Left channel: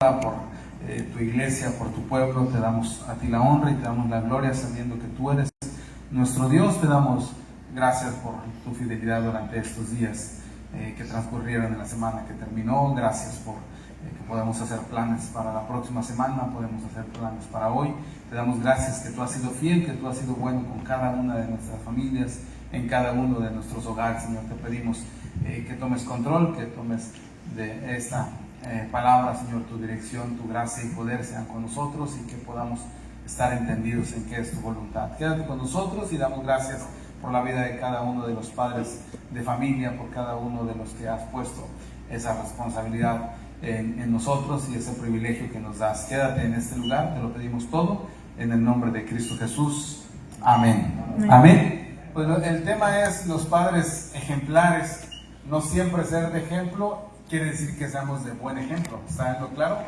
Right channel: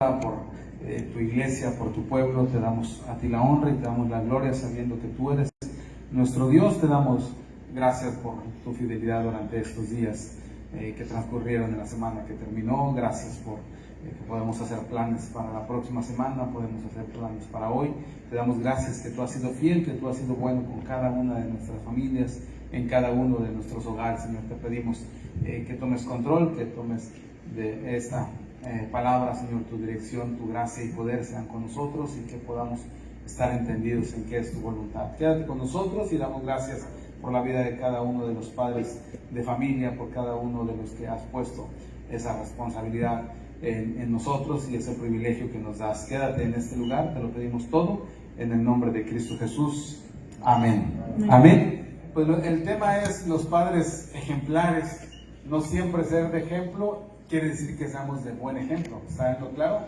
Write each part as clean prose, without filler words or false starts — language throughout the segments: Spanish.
por tu iglesia, por tu pueblo. Te damos a ti la honra y te damos la gloria sabiendo que tú eres nuestro Dios. Te damos gracias por tu fidelidad durante estos días que transcurrieron en la semana que terminó. Gracias por que podamos hacer planes para la próxima semana, podemos hacer planes para hoy. Te damos gracias que tú has sido fiel, que tú has sido bueno con cada una de nuestras familias, en cada uno de nuestros hogares. Señor, te pedimos que tomes control, que tomes de esta palabra, Señor, tu dirección, tu gracia y poder sean con nosotros y que podamos estar entendidos en qué es tu voluntad. Quédate con nosotros y damos gracias por la vida de cada uno de los padres de familia, por cada uno de los que has puesto esa responsabilidad en nosotros y ese privilegio que nos das. Quédate en este lugar, te lo pedimos todo en el nombre de Cristo Jesús. Amén. Amén. Amén. Pues el tema es los padres ejemplares. No siempre ser de ejemplo quiere decir que seamos de buen ejemplo. ¿Está bien claro?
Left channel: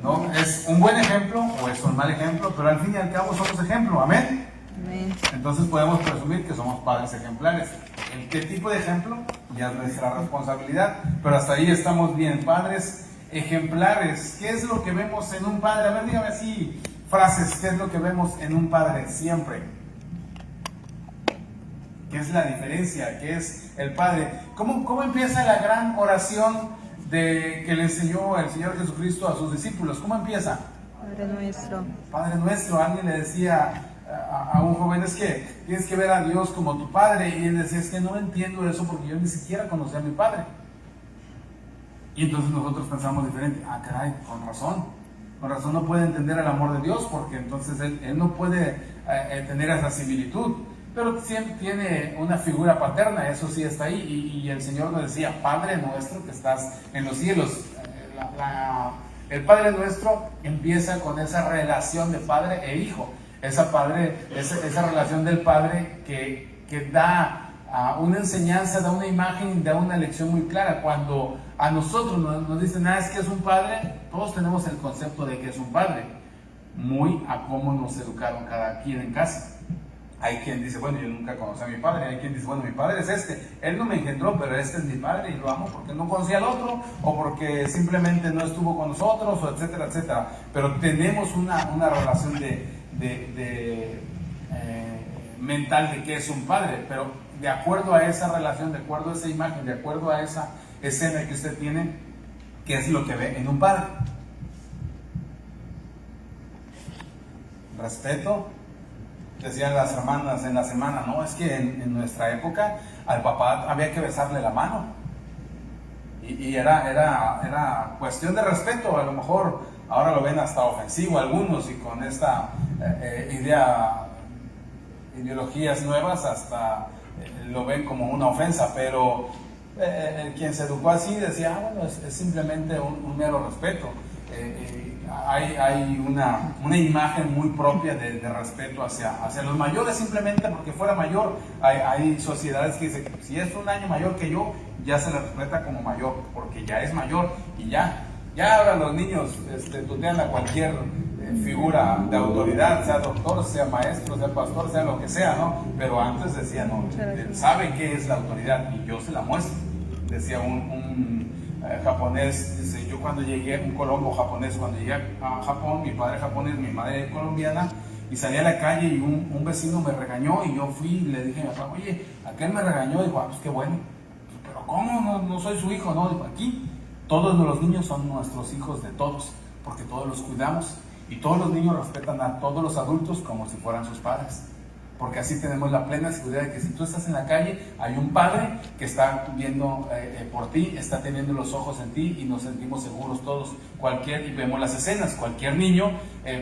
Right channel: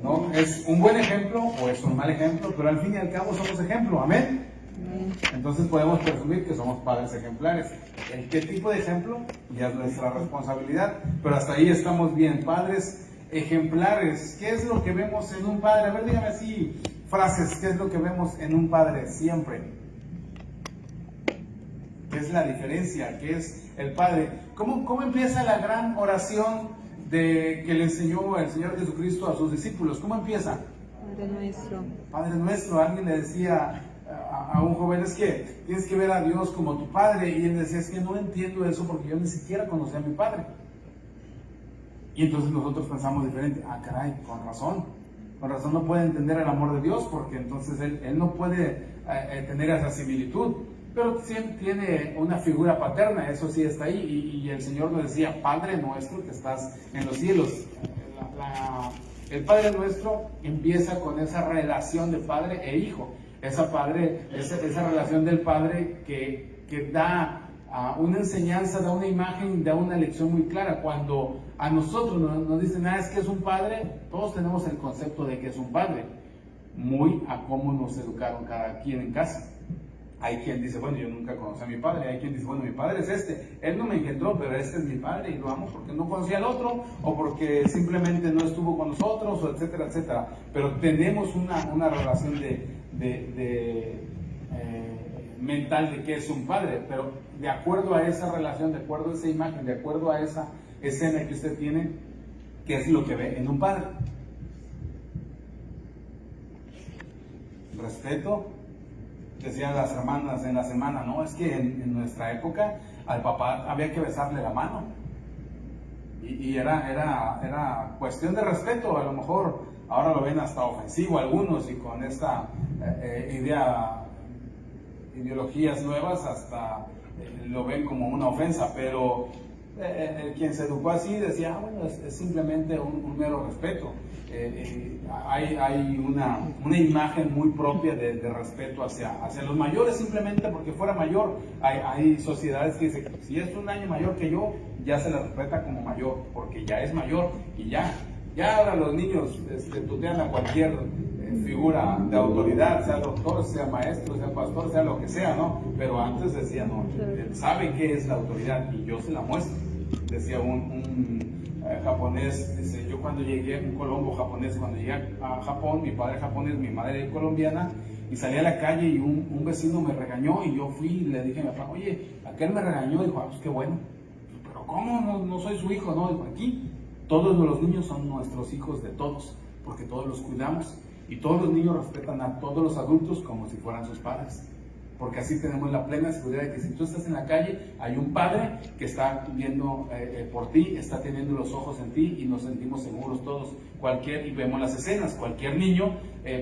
No es un buen ejemplo o es un mal ejemplo, pero al fin y al cabo somos ejemplo. Amén. Amén. Entonces podemos presumir que somos padres ejemplares. ¿En qué tipo de ejemplo? Ya es nuestra responsabilidad, pero hasta ahí estamos bien. Padres ejemplares. ¿Qué es lo que vemos en un padre? A ver, dígame así frases. ¿Qué es lo que vemos en un padre siempre? ¿Qué es la diferencia? ¿Qué es el Padre? ¿Cómo empieza la gran oración que le enseñó el Señor Jesucristo a sus discípulos? ¿Cómo empieza? Padre nuestro. Padre nuestro. Alguien le decía a un joven, es que tienes que ver a Dios como tu Padre. Y él decía, es que no entiendo eso porque yo ni siquiera conocía a mi Padre. Y entonces nosotros pensamos diferente. Ah, caray, con razón. Con razón no puede entender el amor de Dios porque entonces él no puede tener esa similitud. Pero siempre tiene una figura paterna, eso sí está ahí, y el Señor nos decía, Padre nuestro que estás en los cielos. El Padre nuestro empieza con esa relación de padre e hijo, esa relación del Padre que da una enseñanza, da una imagen, da una lección muy clara. Cuando a nosotros nos dicen, es que es un padre, todos tenemos el concepto de que es un padre, muy a cómo nos educaron cada quien en casa. Hay quien dice, bueno, yo nunca conocí a mi padre. Hay quien dice, bueno, mi padre es este. Él no me engendró, pero este es mi padre y lo amo porque no conocía al otro o porque simplemente no estuvo con nosotros, o etcétera, etcétera. Pero tenemos una relación mental de qué es un padre. Pero de acuerdo a esa relación, de acuerdo a esa imagen, de acuerdo a esa escena que usted tiene, ¿qué es lo que ve en un padre? Respeto. Decían las hermanas en la semana, no, es que en nuestra época al papá había que besarle la mano. Y era cuestión de respeto. A lo mejor ahora lo ven hasta ofensivo algunos y con esta ideologías nuevas hasta lo ven como una ofensa, pero quien se educó así decía, bueno, es simplemente un mero respeto. Hay una imagen muy propia de respeto hacia los mayores, simplemente porque fuera mayor. Hay sociedades que dicen, si es un año mayor que yo, ya se le respeta como mayor, porque ya es mayor y ya ahora los niños tutean a cualquier figura de autoridad, sea doctor, sea maestro, sea pastor, sea lo que sea, ¿no? Pero antes decían, no, sabe qué es la autoridad y yo se la muestro. Decía un japonés, dice, yo cuando llegué, un colombo japonés, cuando llegué a Japón, mi padre japonés, mi madre colombiana, y salí a la calle y un vecino me regañó y yo fui y le dije a mi papá, oye, aquel me regañó. Dijo, pues qué bueno. Pero ¿cómo? No soy su hijo, ¿no? Dijo, aquí todos los niños son nuestros hijos de todos, porque todos los cuidamos y todos los niños respetan a todos los adultos como si fueran sus padres. Porque así tenemos la plena seguridad de que si tú estás en la calle, hay un padre que está viendo por ti, está teniendo los ojos en ti y nos sentimos seguros todos. Y vemos las escenas, cualquier niño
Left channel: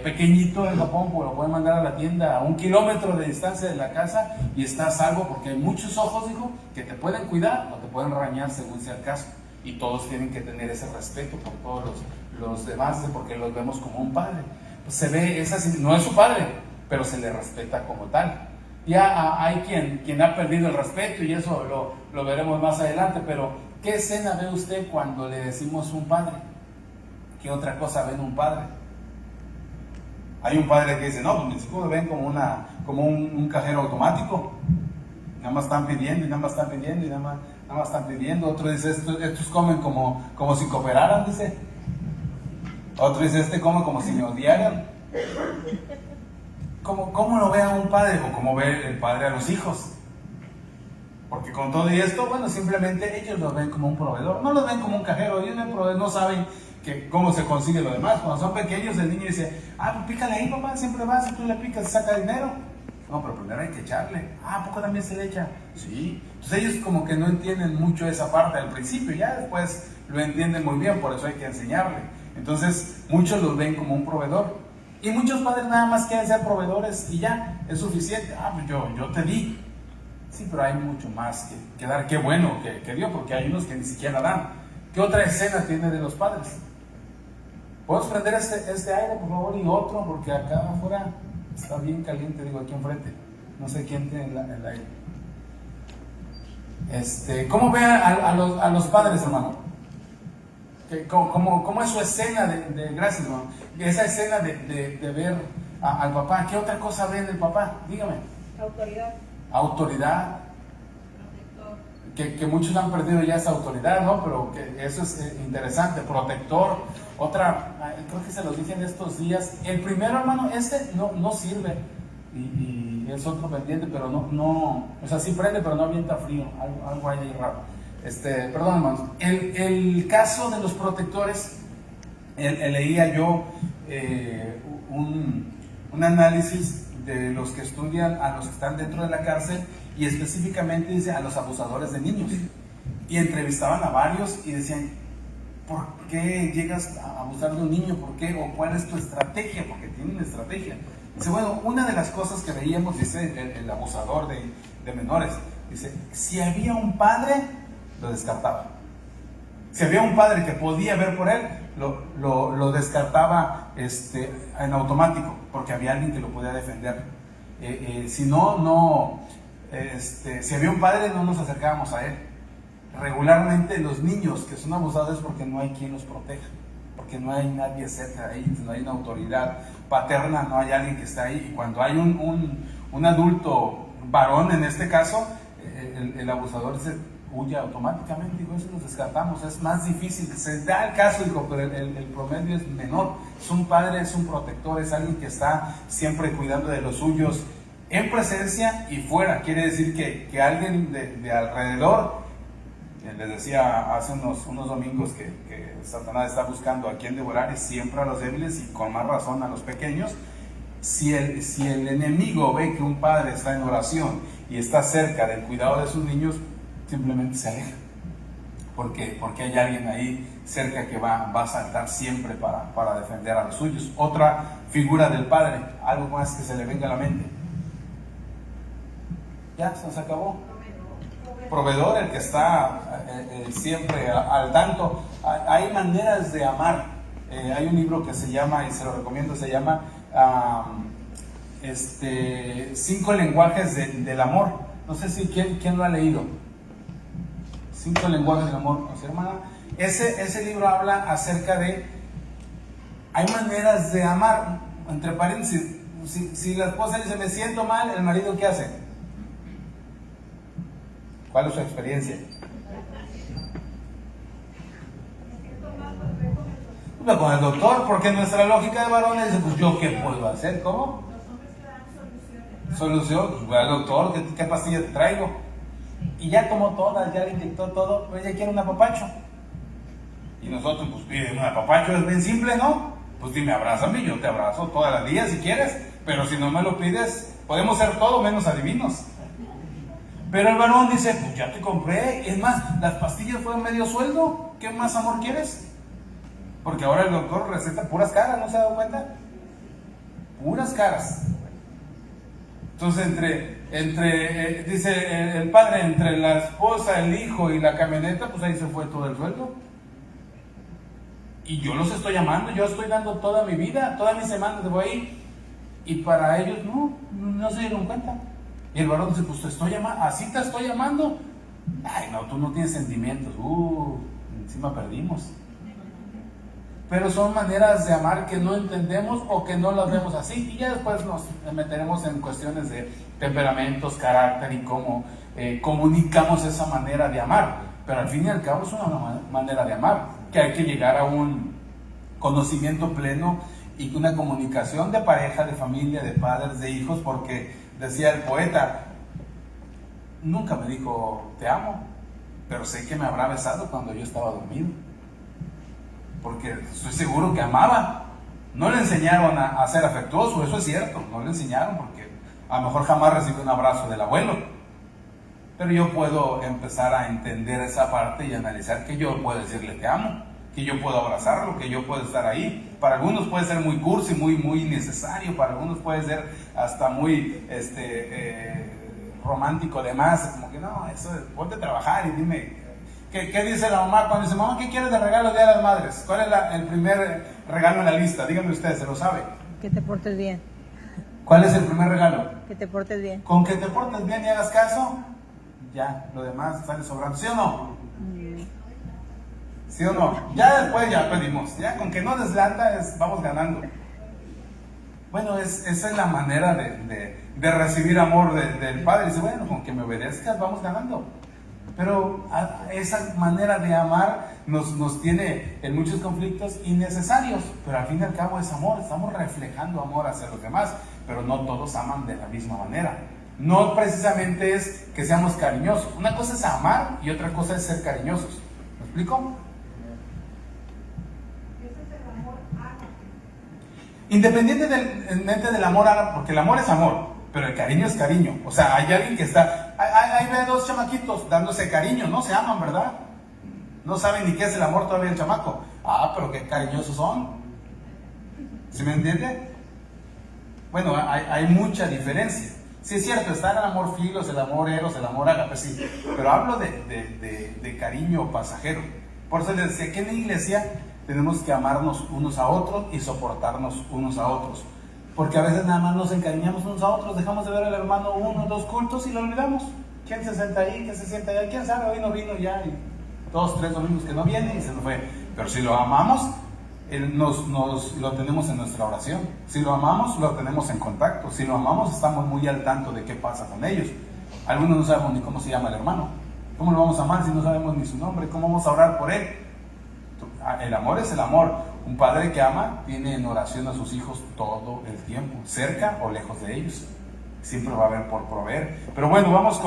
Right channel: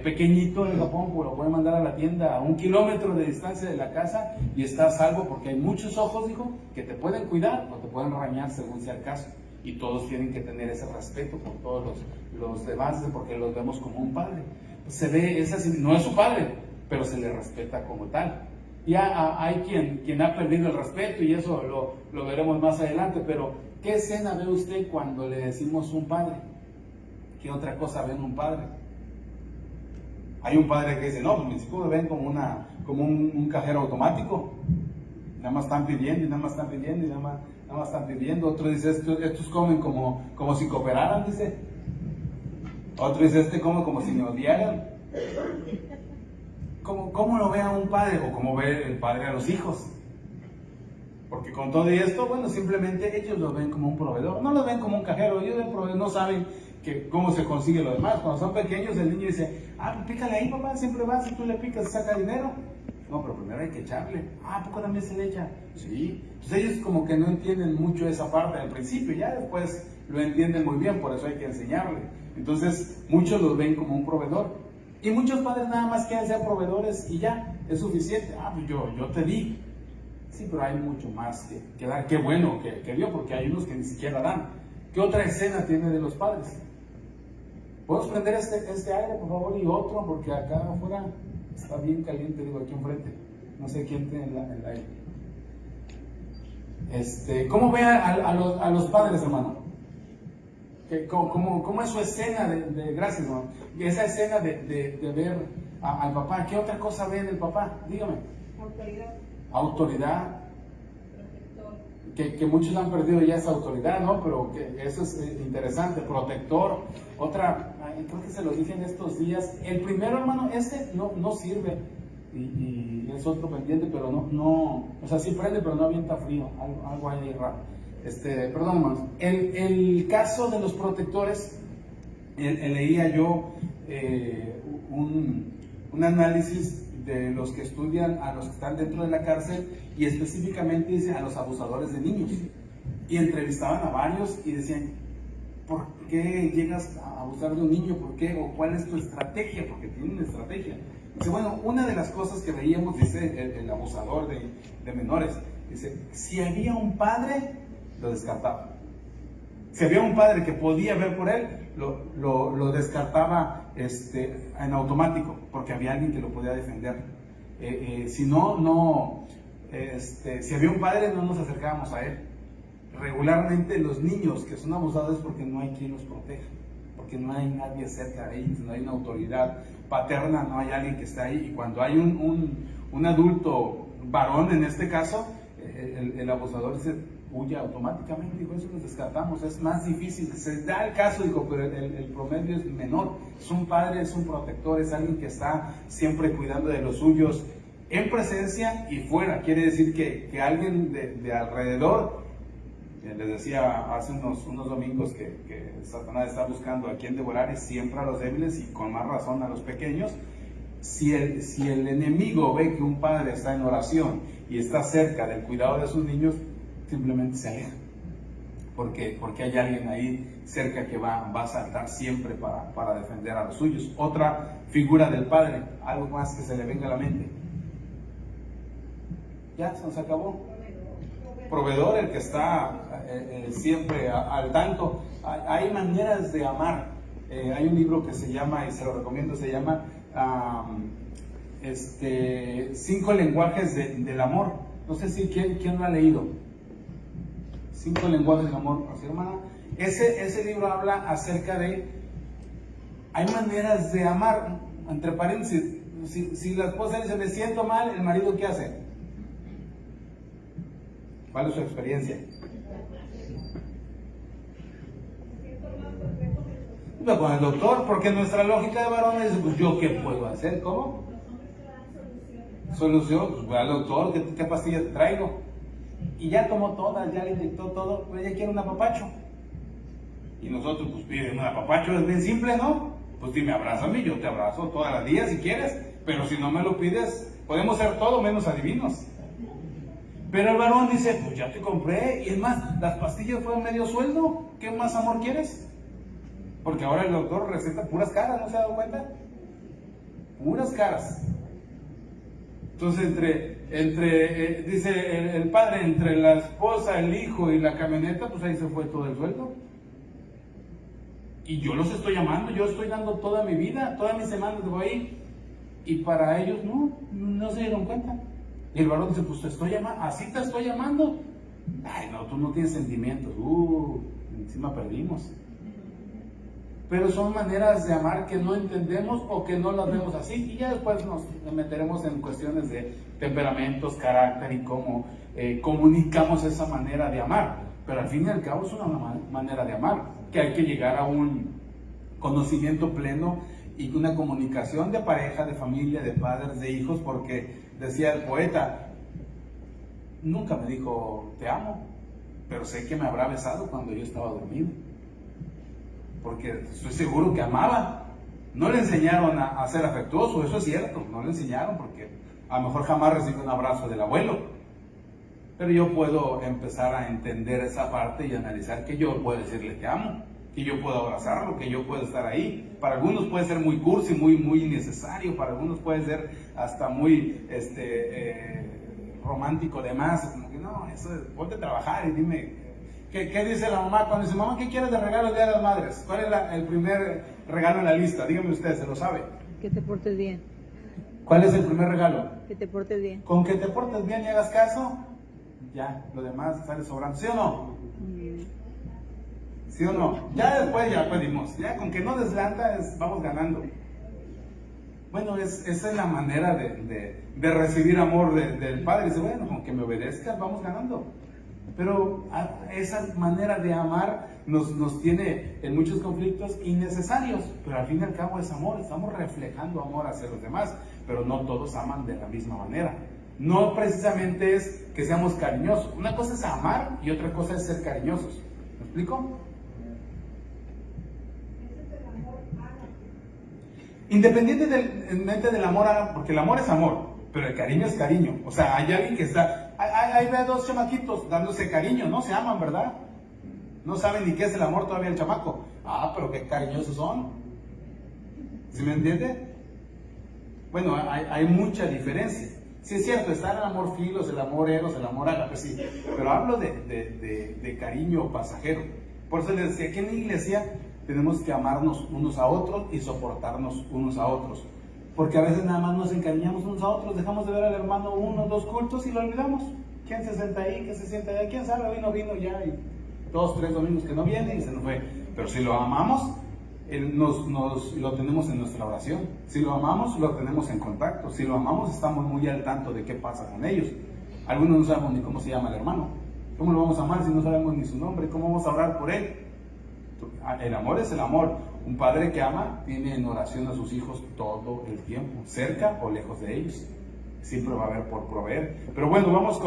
pequeñito en Japón lo pueden mandar a la tienda a 1 kilómetro de distancia de la casa y está a salvo porque hay muchos ojos, hijo, que te pueden cuidar o te pueden regañar según sea el caso. Y todos tienen que tener ese respeto por todos los demás porque los vemos como un padre. Pues se ve, no es su padre, pero se le respeta como tal. Ya hay quien ha perdido el respeto y eso lo veremos más adelante, pero ¿qué escena ve usted cuando le decimos un padre? ¿Qué otra cosa ve en un padre? Hay un padre que dice, no, mis hijos me ven como un cajero automático, nada más están pidiendo y nada más están pidiendo y nada más están pidiendo. Otro dice, estos comen como si cooperaran, dice. Otro dice, este come como si me odiaran. ¿Cómo lo ve a un padre o cómo ve el padre a los hijos? Porque con todo esto, bueno, simplemente ellos lo ven como un proveedor, no lo ven como un cajero, ellos ven proveedor, no saben cómo se consigue lo demás. Cuando son pequeños, el niño dice, pícale ahí, mamá, siempre vas y tú le picas y saca dinero. No, pero primero hay que echarle. ¿A poco también se le echa? Sí. Entonces ellos como que no entienden mucho esa parte al principio, ya después lo entienden muy bien, por eso hay que enseñarle. Entonces muchos lo ven como un proveedor. Y muchos padres nada más quieren ser proveedores y ya, es suficiente. Pues yo te di. Sí, pero hay mucho más que dar. Qué bueno que dio, porque hay unos que ni siquiera dan. ¿Qué otra escena tiene de los padres? ¿Puedes prender este aire, por favor, y otro? Porque acá afuera está bien caliente, digo, aquí enfrente. No sé quién tiene el aire. ¿Cómo ve a los padres, hermano? ¿Cómo es su escena gracias, hermano? Esa escena de ver al papá. ¿Qué otra cosa ve del papá? Dígame. Autoridad. Que muchos han perdido ya esa autoridad, ¿no? Pero que eso es interesante. Protector. Otra, creo que se los dije en estos días. El primero, hermano, no sirve. Y es otro pendiente, pero no, o sea, sí prende, pero no avienta frío. Algo hay ahí raro. Perdón, hermanos. El caso de los protectores, leía yo un análisis de los que estudian a los que están dentro de la cárcel, y específicamente dice a los abusadores de niños, y entrevistaban a varios y decían, ¿por qué llegas a abusar de un niño? ¿Por qué? ¿O cuál es tu estrategia? Porque tienen una estrategia. Dice, bueno, una de las cosas que veíamos, dice el abusador de menores, dice, si había un padre, lo descartaba. Si había un padre que podía ver por él, lo descartaba en automático, porque había alguien que lo podía defender. Si si había un padre, no nos acercábamos a él. Regularmente los niños que son abusados es porque no hay quien los proteja, porque no hay nadie cerca de ellos, no hay una autoridad paterna, no hay alguien que está ahí. Y cuando hay un adulto varón, en este caso, el abusador se huye automáticamente, y eso nos descartamos. Es más difícil, se da el caso, pero el promedio es menor. Es un padre, es un protector, es alguien que está siempre cuidando de los suyos, en presencia y fuera. Quiere decir que alguien de alrededor, les decía hace unos domingos que Satanás está buscando a quien devorar, y siempre a los débiles, y con más razón a los pequeños. Si el enemigo ve que un padre está en oración y está cerca del cuidado de sus niños, simplemente se aleja, porque hay alguien ahí cerca que va a saltar siempre para defender a los suyos. Otra figura del padre, algo más que se le venga a la mente. Ya, se nos acabó. Proveedor, el que está siempre al tanto. Hay maneras de amar. Hay un libro que se llama, y se lo recomiendo, se llama 5 lenguajes del amor. No sé si quién lo ha leído. 5 lenguajes del amor, ¿sí, hermana? Ese libro habla acerca de, hay maneras de amar. Entre paréntesis, si la esposa dice, me siento mal, ¿el marido qué hace? ¿Cuál es su experiencia? No, con el doctor, porque nuestra lógica de varones dice, pues yo qué puedo hacer, ¿cómo? Solución, pues voy al doctor, ¿qué pastilla te traigo? Y ya tomó todas, ya le inyectó todo, pero ella quiere un apapacho. Y nosotros, pues piden un apapacho, es bien simple, ¿no? Pues dime, abrázame, yo te abrazo todas las días si quieres, pero si no me lo pides, podemos ser todo menos adivinos. Pero el varón dice, pues ya te compré, y es más, las pastillas fueron medio sueldo, ¿qué más amor quieres? Porque ahora el doctor receta puras caras, ¿no se ha dado cuenta? Puras caras. Entonces, dice el padre, entre la esposa, el hijo y la camioneta, pues ahí se fue todo el sueldo. Y yo los estoy amando, yo estoy dando toda mi vida, toda mi semana de voy ahí, y para ellos no se dieron cuenta. Y el varón dice, pues te estoy llamando, así te estoy llamando. Ay, no, tú no tienes sentimientos. Encima perdimos. Pero son maneras de amar que no entendemos o que no las vemos así. Y ya después nos meteremos en cuestiones de temperamentos, carácter y cómo comunicamos esa manera de amar. Pero al fin y al cabo es una manera de amar, que hay que llegar a un conocimiento pleno y una comunicación de pareja, de familia, de padres, de hijos, porque decía el poeta, nunca me dijo te amo, pero sé que me habrá besado cuando yo estaba dormido, porque estoy seguro que amaba. No le enseñaron a ser afectuoso, eso es cierto, no le enseñaron, porque a lo mejor jamás recibió un abrazo del abuelo. Pero yo puedo empezar a entender esa parte y analizar que yo puedo decirle te amo, que yo puedo abrazarlo, que yo puedo estar ahí. Para algunos puede ser muy cursi, muy necesario, para algunos puede ser hasta muy romántico de más, como que no, eso es, ponte a trabajar y dime, ¿qué dice la mamá? Cuando dice, mamá, ¿qué quieres de regalo el Día de las Madres? ¿Cuál es el primer regalo en la lista? Díganme ustedes, ¿se lo sabe? Que te portes bien. ¿Cuál es el primer regalo? Que te portes bien. Con que te portes bien y hagas caso, ya, lo demás sale sobrando, ¿sí o no? ¿Sí o no? Ya después ya pedimos, ya con que no deslanda vamos ganando. Bueno, esa es la manera de recibir amor del Padre. Dice, bueno, con que me obedezcas vamos ganando. Pero esa manera de amar nos tiene en muchos conflictos innecesarios, pero al fin y al cabo es amor, estamos reflejando amor hacia los demás, pero no todos aman de la misma manera. No precisamente es que seamos cariñosos, una cosa es amar y otra cosa es ser cariñosos. ¿Me explico? Independientemente del amor, porque el amor es amor, pero el cariño es cariño. O sea, hay alguien que está, ahí ve dos chamaquitos dándose cariño, no se aman, ¿verdad? No saben ni qué es el amor todavía el chamaco. Ah, pero qué cariñosos son. ¿Sí me entiende? Bueno, hay mucha diferencia. Sí es cierto, está el amor filos, el amor eros, el amor ágape, sí, pero hablo de cariño pasajero. Por eso les decía que en la iglesia tenemos que amarnos unos a otros y soportarnos unos a otros. Porque a veces nada más nos encariñamos unos a otros, dejamos de ver al hermano uno o dos cultos y lo olvidamos. ¿Quién se sienta ahí? ¿Quién se sienta allá? ¿Quién sabe? Hoy no vino ya, y 2, 3 domingos que no viene y se nos fue. Pero si lo amamos, lo tenemos en nuestra oración. Si lo amamos, lo tenemos en contacto. Si lo amamos, estamos muy al tanto de qué pasa con ellos. Algunos no sabemos ni cómo se llama el hermano. ¿Cómo lo vamos a amar si no sabemos ni su nombre? ¿Cómo vamos a orar por él? El amor es el amor. Un padre que ama tiene en oración a sus hijos todo el tiempo, cerca o lejos de ellos. Siempre va a haber por proveer. Pero bueno, vamos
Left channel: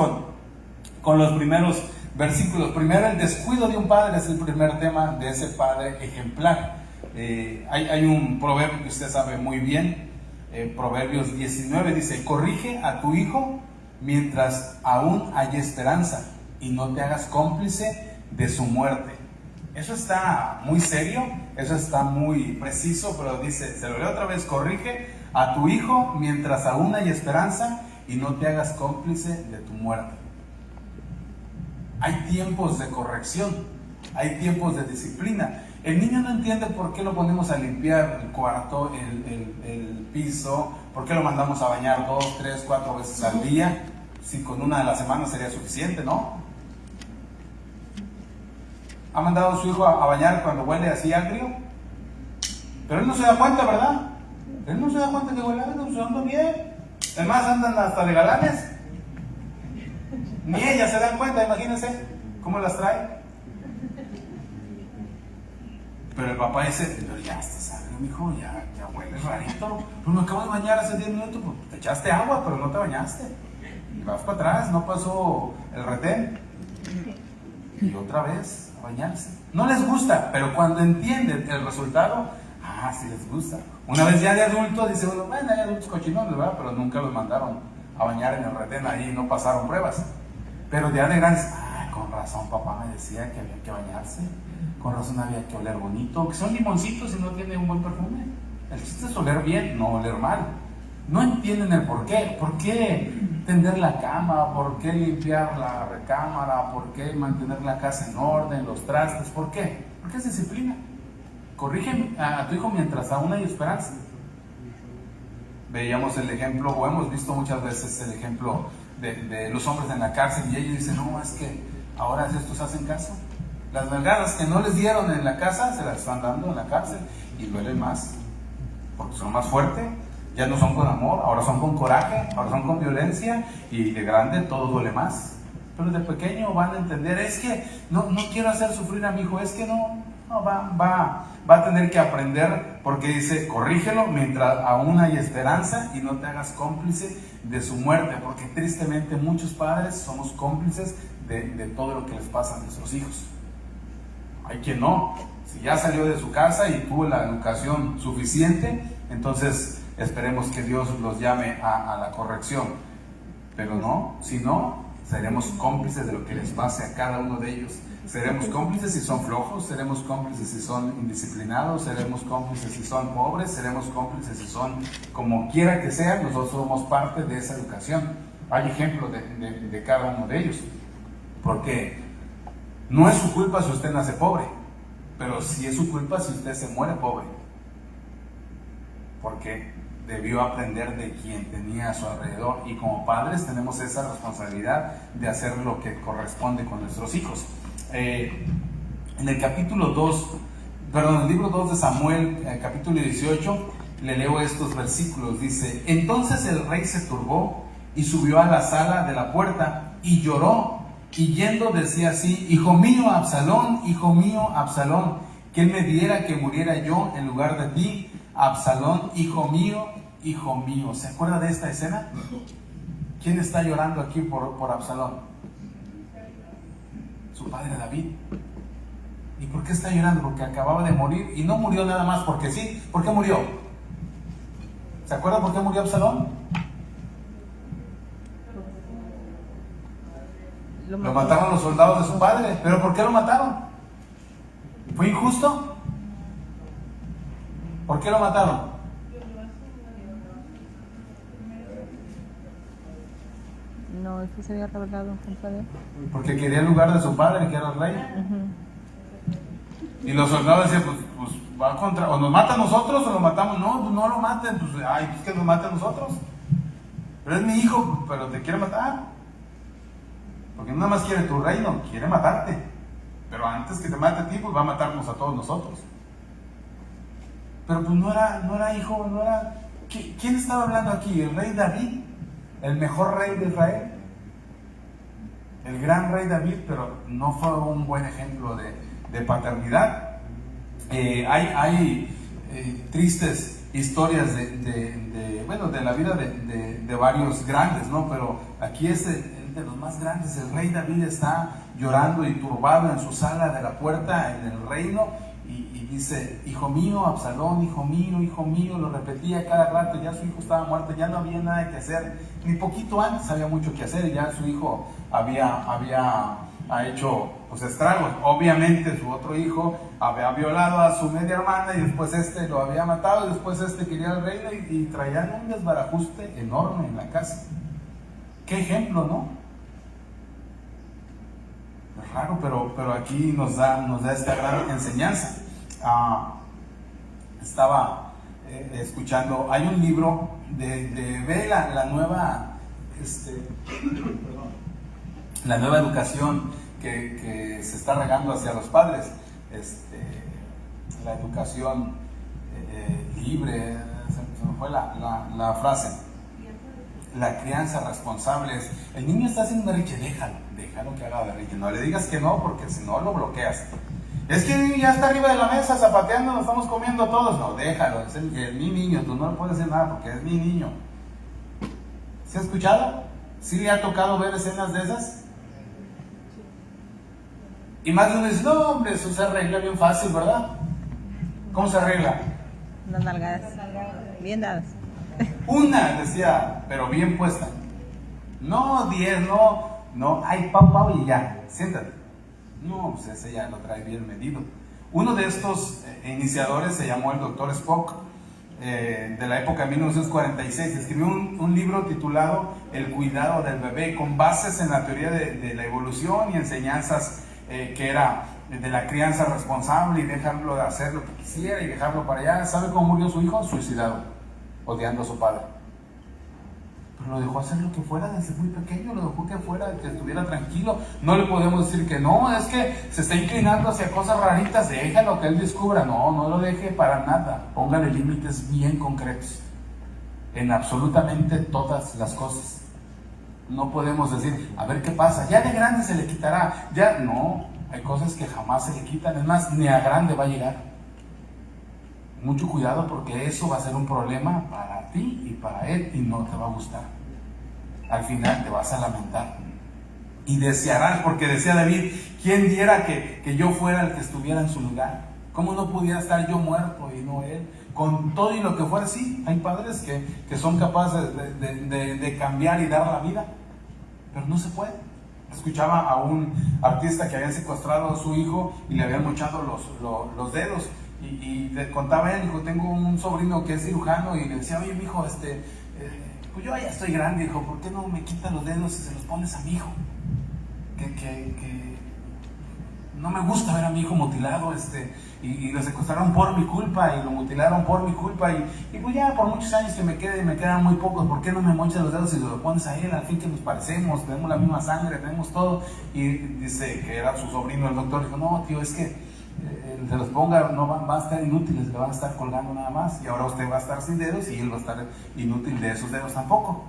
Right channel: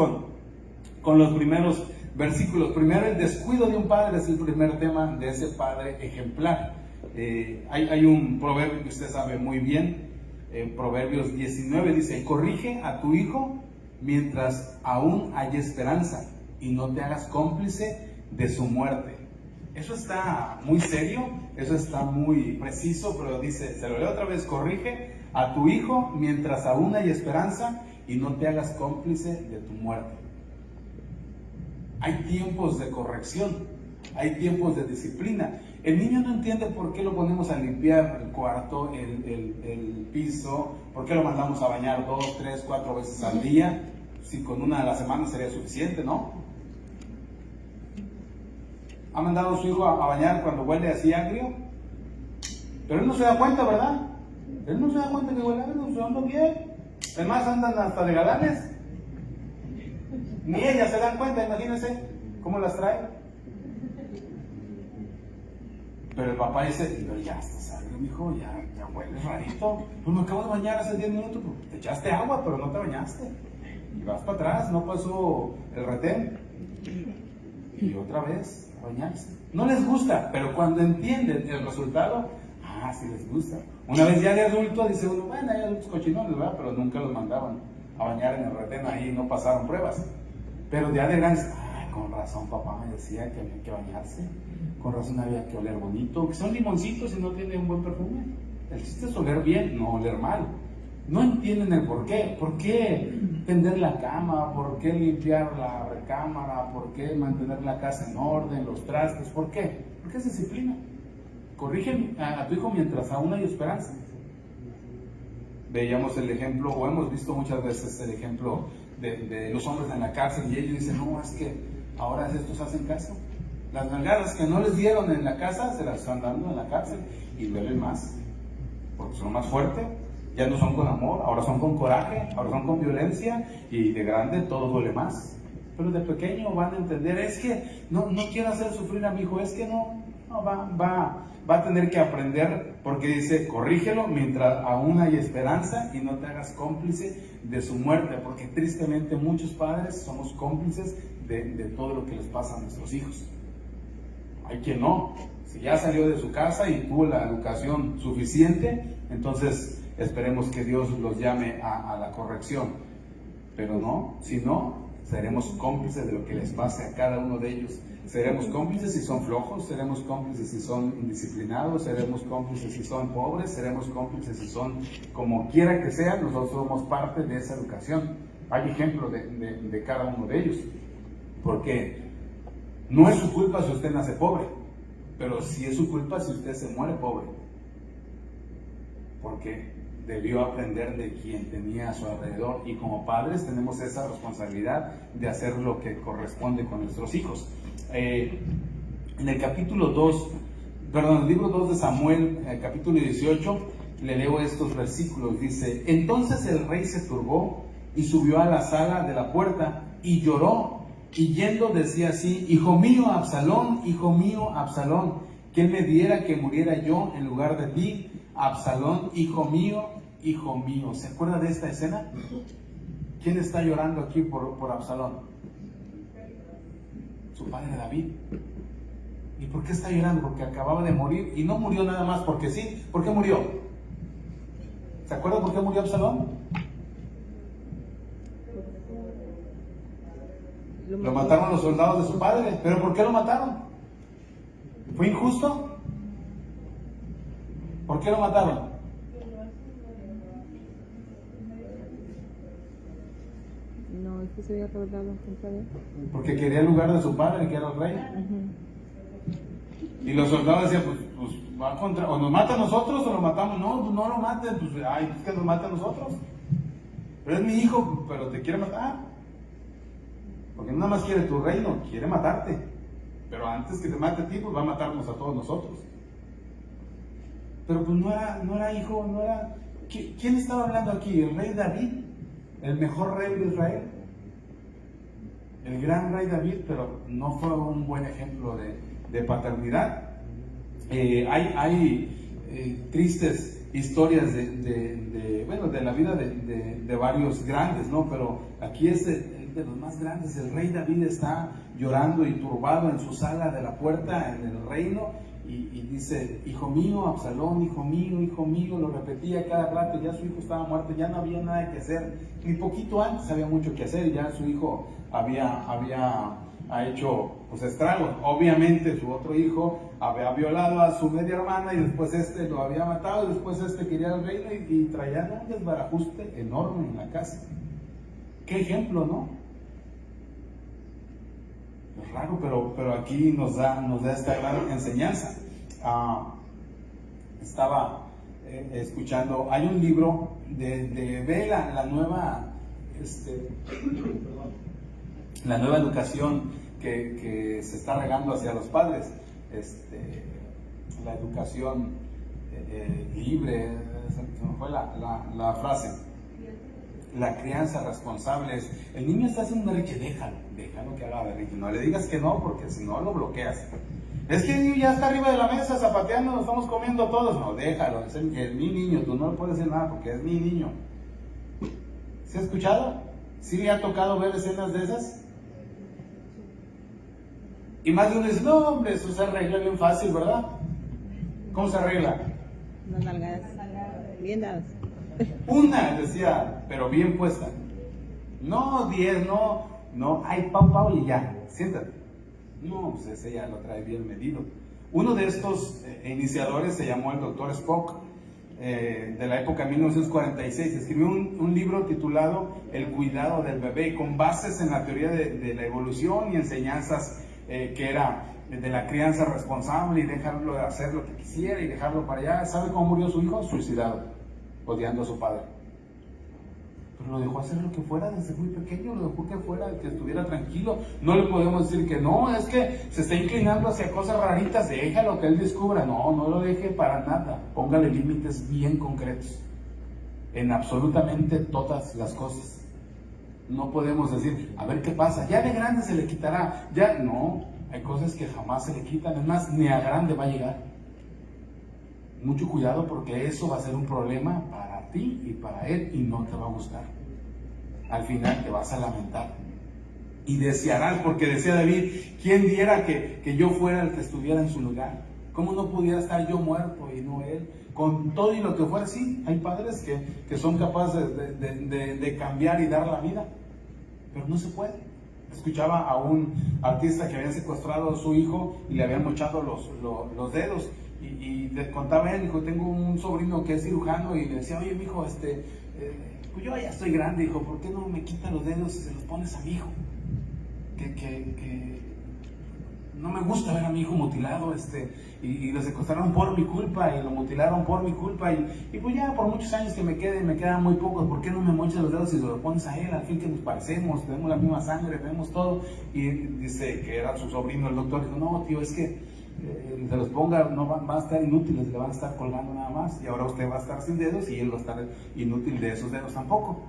con los primeros versículos. Primero, el descuido de un padre es el primer tema de ese padre ejemplar. Hay un proverbio que usted sabe muy bien, Proverbios 19, dice, corrige a tu hijo mientras aún hay esperanza y no te hagas cómplice de su muerte. Eso está muy serio, eso está muy preciso, pero dice, se lo leo otra vez, corrige a tu hijo mientras aún hay esperanza y no te hagas cómplice de tu muerte. Hay tiempos de corrección, hay tiempos de disciplina. El niño no entiende por qué lo ponemos a limpiar el cuarto, el piso, por qué lo mandamos a bañar 2, 3, 4 veces al día, si con una a la semana sería suficiente, ¿no? ¿Ha mandado a su hijo a bañar cuando huele así agrio? Pero él no se da cuenta, ¿verdad? Él no se da cuenta que huele agrio, se anda bien. Además andan hasta de galanes. Ni ellas se dan cuenta, imagínense cómo las trae. Pero el papá dice, pero ya estás agrio, mijo, ya hueles rarito. Pues me acabo de bañar hace 10 minutos, pues te echaste agua, pero no te bañaste. Y vas para atrás, no pasó el retén. Y otra vez a bañarse. No les gusta, pero cuando entienden el resultado, sí les gusta. Una vez ya de adulto, dice uno, bueno, hay adultos cochinones, ¿verdad? Pero nunca los mandaron a bañar en el retén, ahí no pasaron pruebas. Pero ya de grandes, con razón papá me decía que había que bañarse, con razón había que oler bonito, que son limoncitos y no tienen un buen perfume. El chiste es oler bien, no oler mal. No entienden el por qué. ¿Por qué tender la cama? ¿Por qué limpiar la recámara? ¿Por qué mantener la casa en orden, los trastes? ¿Por qué? Porque es disciplina. Corrige a tu hijo mientras aún hay esperanza. Veíamos el ejemplo, o hemos visto muchas veces el ejemplo de los hombres en la cárcel y ellos dicen, no, es que ahora estos hacen caso. Las nalgadas que no les dieron en la casa se las están dando en la cárcel y duelen más, porque son más fuertes. Ya no son con amor, ahora son con coraje, ahora son con violencia y de grande todo duele más. Pero de pequeño van a entender, es que no quiero hacer sufrir a mi hijo, es que no No, va a tener que aprender, porque dice, corrígelo mientras aún hay esperanza y no te hagas cómplice de su muerte, porque tristemente muchos padres somos cómplices de todo lo que les pasa a nuestros hijos. Hay quien no, si ya salió de su casa y tuvo la educación suficiente, entonces esperemos que Dios los llame a la corrección, pero no, si no, seremos cómplices de lo que les pase a cada uno de ellos. Seremos cómplices si son flojos, seremos cómplices si son indisciplinados, seremos cómplices si son pobres, seremos cómplices si son como quiera que sea. Nosotros somos parte de esa educación. Hay ejemplos de cada uno de ellos, porque no es su culpa si usted nace pobre, pero sí es su culpa si usted se muere pobre, porque debió aprender de quien tenía a su alrededor, y como padres tenemos esa responsabilidad de hacer lo que corresponde con nuestros hijos. En el capítulo 2, perdón, el libro 2 de Samuel, capítulo 18, le leo estos versículos. Dice: entonces el rey se turbó y subió a la sala de la puerta y lloró, y yendo decía así: hijo mío Absalón, ¿quién me diera que muriera yo en lugar de ti? Absalón, hijo mío, hijo mío. ¿Se acuerda de esta escena? ¿Quién está llorando aquí por Absalón? Su padre David. ¿Y por qué está llorando? Porque acababa de morir, y no murió nada más porque sí. ¿Por qué murió? ¿Se acuerda por qué murió Absalón? Lo mataron los soldados de su padre. ¿Pero por qué lo mataron? ¿Fue injusto? ¿Por qué lo mataron? No, es que se había rebelado contra él. Porque quería el lugar de su padre, que era el rey. Y los soldados decían, pues va contra, o nos mata a nosotros o lo matamos. No, pues no lo maten, pues que nos mate a nosotros. Pero es mi hijo, pero te quiere matar. Porque no nada más quiere tu reino, quiere matarte. Pero antes que te mate a ti, pues va a matarnos a todos nosotros. Pero pues no era hijo, no era... ¿Quién estaba hablando aquí? ¿El rey David? ¿El mejor rey de Israel? El gran rey David, pero no fue un buen ejemplo de paternidad. Hay tristes historias de la vida de varios grandes, ¿no? Pero aquí es de los más grandes. El rey David está llorando y turbado en su sala de la puerta en el reino, y dice: hijo mío Absalón, hijo mío, lo repetía cada rato. Ya su hijo estaba muerto, ya no había nada que hacer, ni poquito antes había mucho que hacer, y ya su hijo ha hecho pues estragos. Obviamente su otro hijo había violado a su media hermana, y después lo había matado, y después quería el reino, y traían un desbarajuste enorme en la casa. Qué ejemplo, ¿no? Es raro, pero aquí nos da esta gran enseñanza. Estaba escuchando, hay un libro de la nueva la nueva educación que se está regando hacia los padres, la educación libre, se me fue la frase, la crianza responsable. El niño está haciendo berrinche, déjalo que haga berrinche, no le digas que no, porque si no lo bloqueas. Es que el niño ya está arriba de la mesa zapateando, nos estamos comiendo todos. No, déjalo, es mi niño, tú no le puedes decir nada porque es mi niño. ¿Se ha escuchado? ¿Sí le ha tocado ver escenas de esas? Y más de uno dice: no, hombre, eso se arregla bien fácil, ¿verdad? ¿Cómo se arregla? Unas nalgadas bien dadas. Una, decía, pero bien puesta. No 10, no, ay, pau, y ya, siéntate. No, pues ese ya lo trae bien medido. Uno de estos iniciadores se llamó el Dr. Spock, de la época de 1946. Escribió un libro titulado El cuidado del bebé, con bases en la teoría de la evolución y enseñanzas que era de la crianza responsable, y dejarlo de hacer lo que quisiera y dejarlo para allá. ¿Sabe cómo murió su hijo? Suicidado, odiando a su padre. Pero lo dejó hacer lo que fuera desde muy pequeño, lo dejó que fuera, que estuviera tranquilo. No le podemos decir que no, es que se está inclinando hacia cosas raritas, déjalo que él descubra. No lo deje para nada. Póngale límites bien concretos en absolutamente todas las cosas. No podemos decir, a ver qué pasa, ya de grande se le quitará, ya no. Hay cosas que jamás se le quitan, es más, ni a grande va a llegar. Mucho cuidado, porque eso va a ser un problema para ti y para él, y no te va a gustar. Al final te vas a lamentar y desearás, porque decía David: ¿quién diera que yo fuera el que estuviera en su lugar? ¿Cómo no pudiera estar yo muerto y no él? Con todo y lo que fuera. Sí, hay padres que son capaces de cambiar y dar la vida, pero no se puede. Escuchaba a un artista que había secuestrado a su hijo y le habían mochado los dedos, y le contaba a él: dijo, tengo un sobrino que es cirujano, y le decía: oye, mijo, pues yo ya estoy grande, dijo, ¿por qué no me quitas los dedos y se los pones a mi hijo? Que no me gusta ver a mi hijo mutilado, y lo secuestraron por mi culpa y lo mutilaron por mi culpa, y pues ya por muchos años que me quedan muy pocos, ¿por qué no me mochas los dedos y se los pones a él? Al fin que nos parecemos, tenemos la misma sangre, tenemos todo. Y dice que era su sobrino el doctor, dijo: no, tío, es que se los ponga, no van a estar inútiles, le van a estar colgando nada más, y ahora usted va a estar sin dedos y él va a estar inútil de esos dedos tampoco.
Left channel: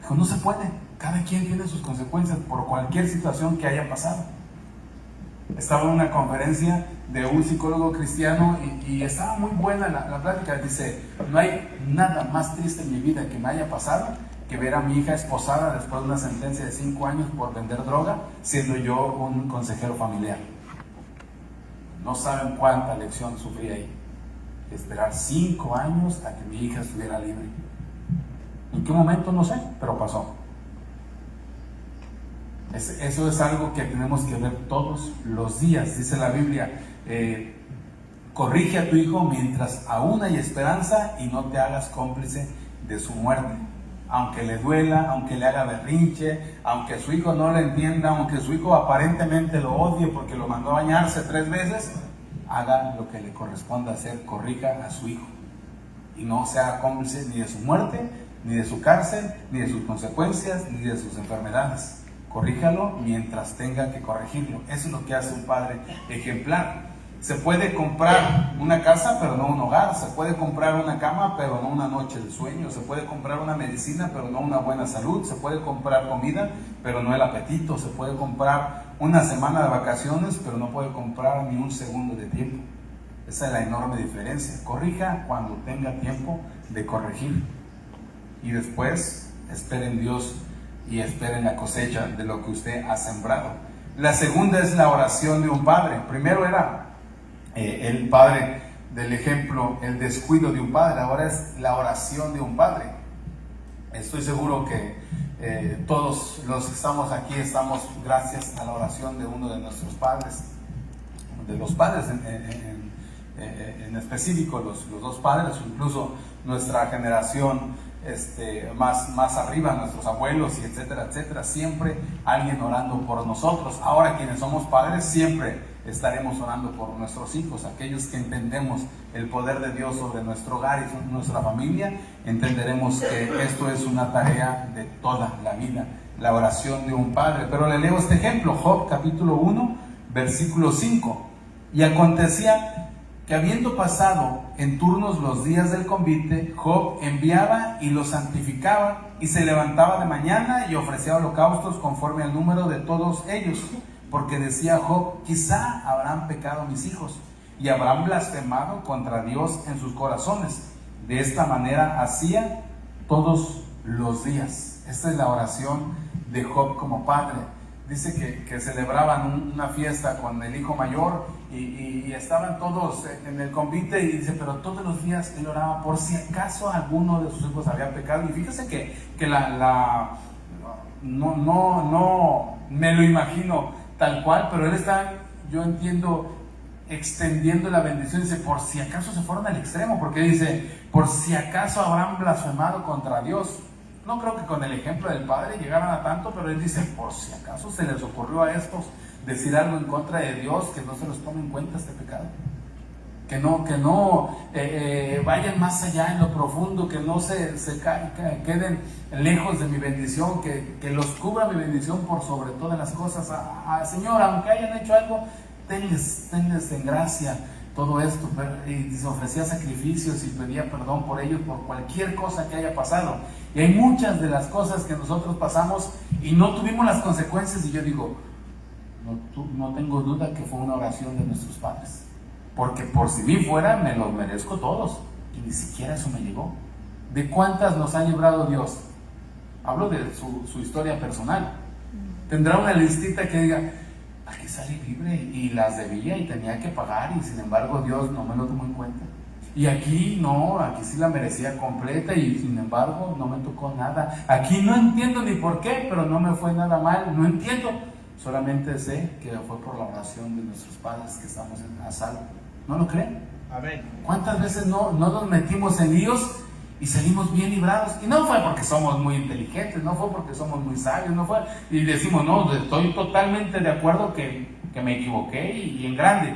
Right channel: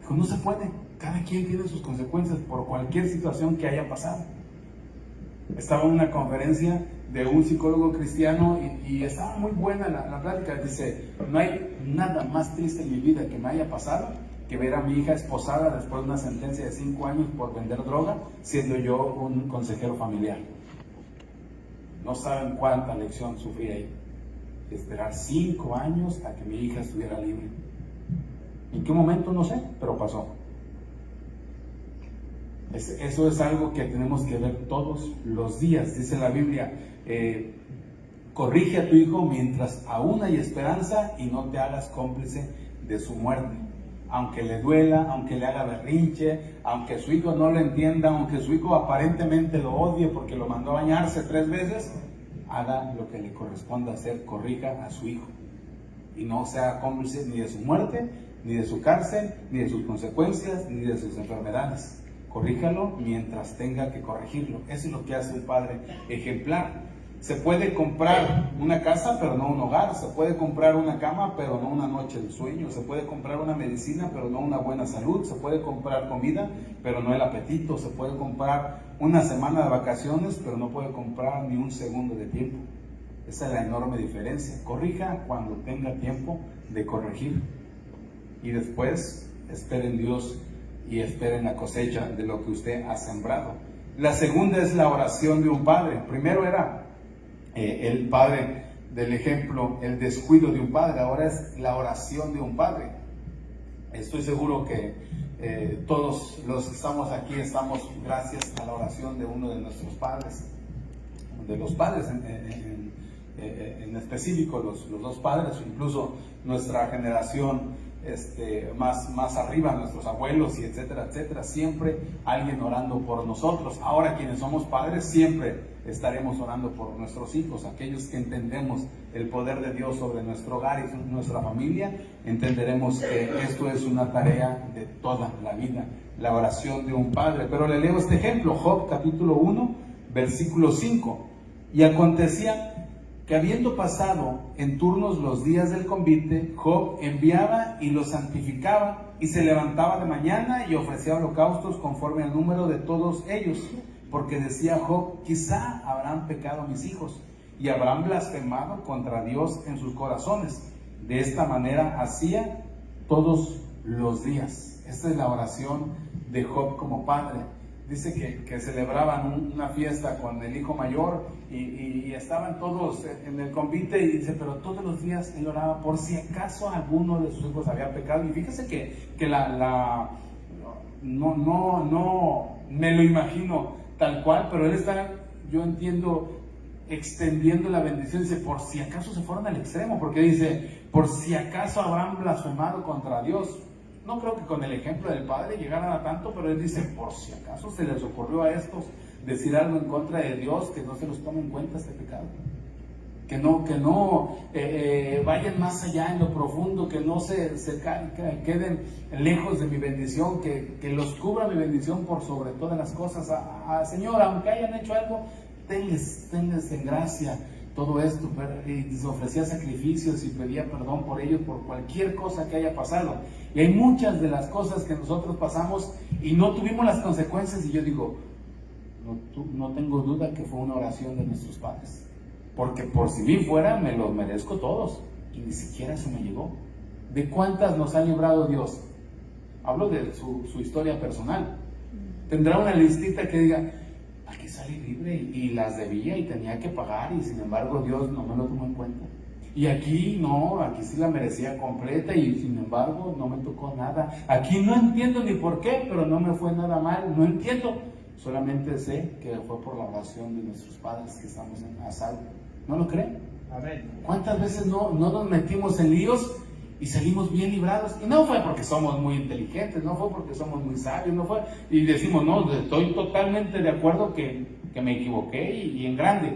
Dijo: no se puede, cada quien tiene sus consecuencias por cualquier situación que haya pasado. Estaba en una conferencia de un psicólogo cristiano y estaba muy buena la plática. Dice: no hay nada más triste en mi vida que me haya pasado que ver a mi hija esposada después de una sentencia de 5 años por vender droga, siendo yo un consejero familiar. No saben cuánta lección sufrí ahí. Esperar 5 años a que mi hija estuviera libre. ¿En qué momento? No sé, pero pasó. Eso es algo que tenemos que ver todos los días. Dice la Biblia: corrige a tu hijo mientras aún hay esperanza, y no te hagas cómplice de su muerte. Aunque le duela, aunque le haga berrinche, aunque su hijo no le entienda, aunque su hijo aparentemente lo odie porque lo mandó a bañarse 3 veces, haga lo que le corresponda hacer, corrija a su hijo. Y no sea cómplice ni de su muerte, ni de su cárcel, ni de sus consecuencias, ni de sus enfermedades. Corríjalo mientras tenga que corregirlo. Eso es lo que hace un padre ejemplar. Se puede comprar una casa, pero no un hogar. Se puede comprar una cama, pero no una noche de sueño. Se puede comprar una medicina, pero no una buena salud. Se puede comprar comida, pero no el apetito. Se puede comprar una semana de vacaciones, pero no puede comprar ni un segundo de tiempo. Esa es la enorme diferencia. Corrija cuando tenga tiempo de corregir. Y después, espere en Dios y esperen la cosecha de lo que usted ha sembrado. La segunda es la oración de un padre. Primero era el padre del ejemplo, el descuido de un padre. Ahora es la oración de un padre. Estoy seguro que todos los que estamos aquí estamos gracias a la oración de uno de nuestros padres, de los padres en específico, los 2 padres, o incluso nuestra generación más arriba, nuestros abuelos, y etcétera, etcétera. Siempre alguien orando por nosotros. Ahora, quienes somos padres, siempre estaremos orando por nuestros hijos. Aquellos que entendemos el poder de Dios sobre nuestro hogar y nuestra familia, entenderemos que esto es una tarea de toda la vida, la oración de un padre. Pero le leo este ejemplo, Job capítulo 1, versículo 5. Y acontecía que, habiendo pasado en turnos los días del convite, Job enviaba y los santificaba, y se levantaba de mañana y ofrecía holocaustos conforme al número de todos ellos, porque decía Job: quizá habrán pecado mis hijos y habrán blasfemado contra Dios en sus corazones. De esta manera hacía todos los días. Esta es la oración de Job como padre. Dice que celebraban una fiesta con el hijo mayor y estaban todos en el convite, y dice, pero todos los días él oraba por si acaso alguno de sus hijos había pecado. Y fíjese que no me lo imagino tal cual, pero él está, yo entiendo, extendiendo la bendición. Dice, por si acaso se fueron al extremo, porque dice, por si acaso habrán blasfemado contra Dios. No creo que con el ejemplo del padre llegaran a tanto, pero él dice, por si acaso se les ocurrió a estos decir algo en contra de Dios, que no se los tome en cuenta este pecado. Que no vayan más allá en lo profundo, que no se queden lejos de mi bendición, que los cubra mi bendición por sobre todas las cosas. Señor, aunque hayan hecho algo, tenles en gracia todo esto. Y se ofrecía sacrificios y pedía perdón por ellos, por cualquier cosa que haya pasado. Y hay muchas de las cosas que nosotros pasamos y no tuvimos las consecuencias, y yo digo, no tengo duda que fue una oración de nuestros padres. Porque por si bien fuera, me los merezco todos. Y ni siquiera eso me llegó. ¿De cuántas nos ha librado Dios? Hablo de su historia personal. Tendrá una listita que diga, aquí salí libre y las debía y tenía que pagar y sin embargo Dios no me lo tomó en cuenta. Y aquí no, aquí sí la merecía completa y sin embargo no me tocó nada. Aquí no entiendo ni por qué, pero no me fue nada mal, no entiendo. Solamente sé que fue por la oración de nuestros padres que estamos a salvo. ¿No lo creen? Amén. ¿Cuántas veces no nos metimos en líos y salimos bien librados? Y no fue porque somos muy inteligentes, no fue porque somos muy sabios, no fue, y decimos, no, estoy totalmente de acuerdo que me equivoqué y en grande.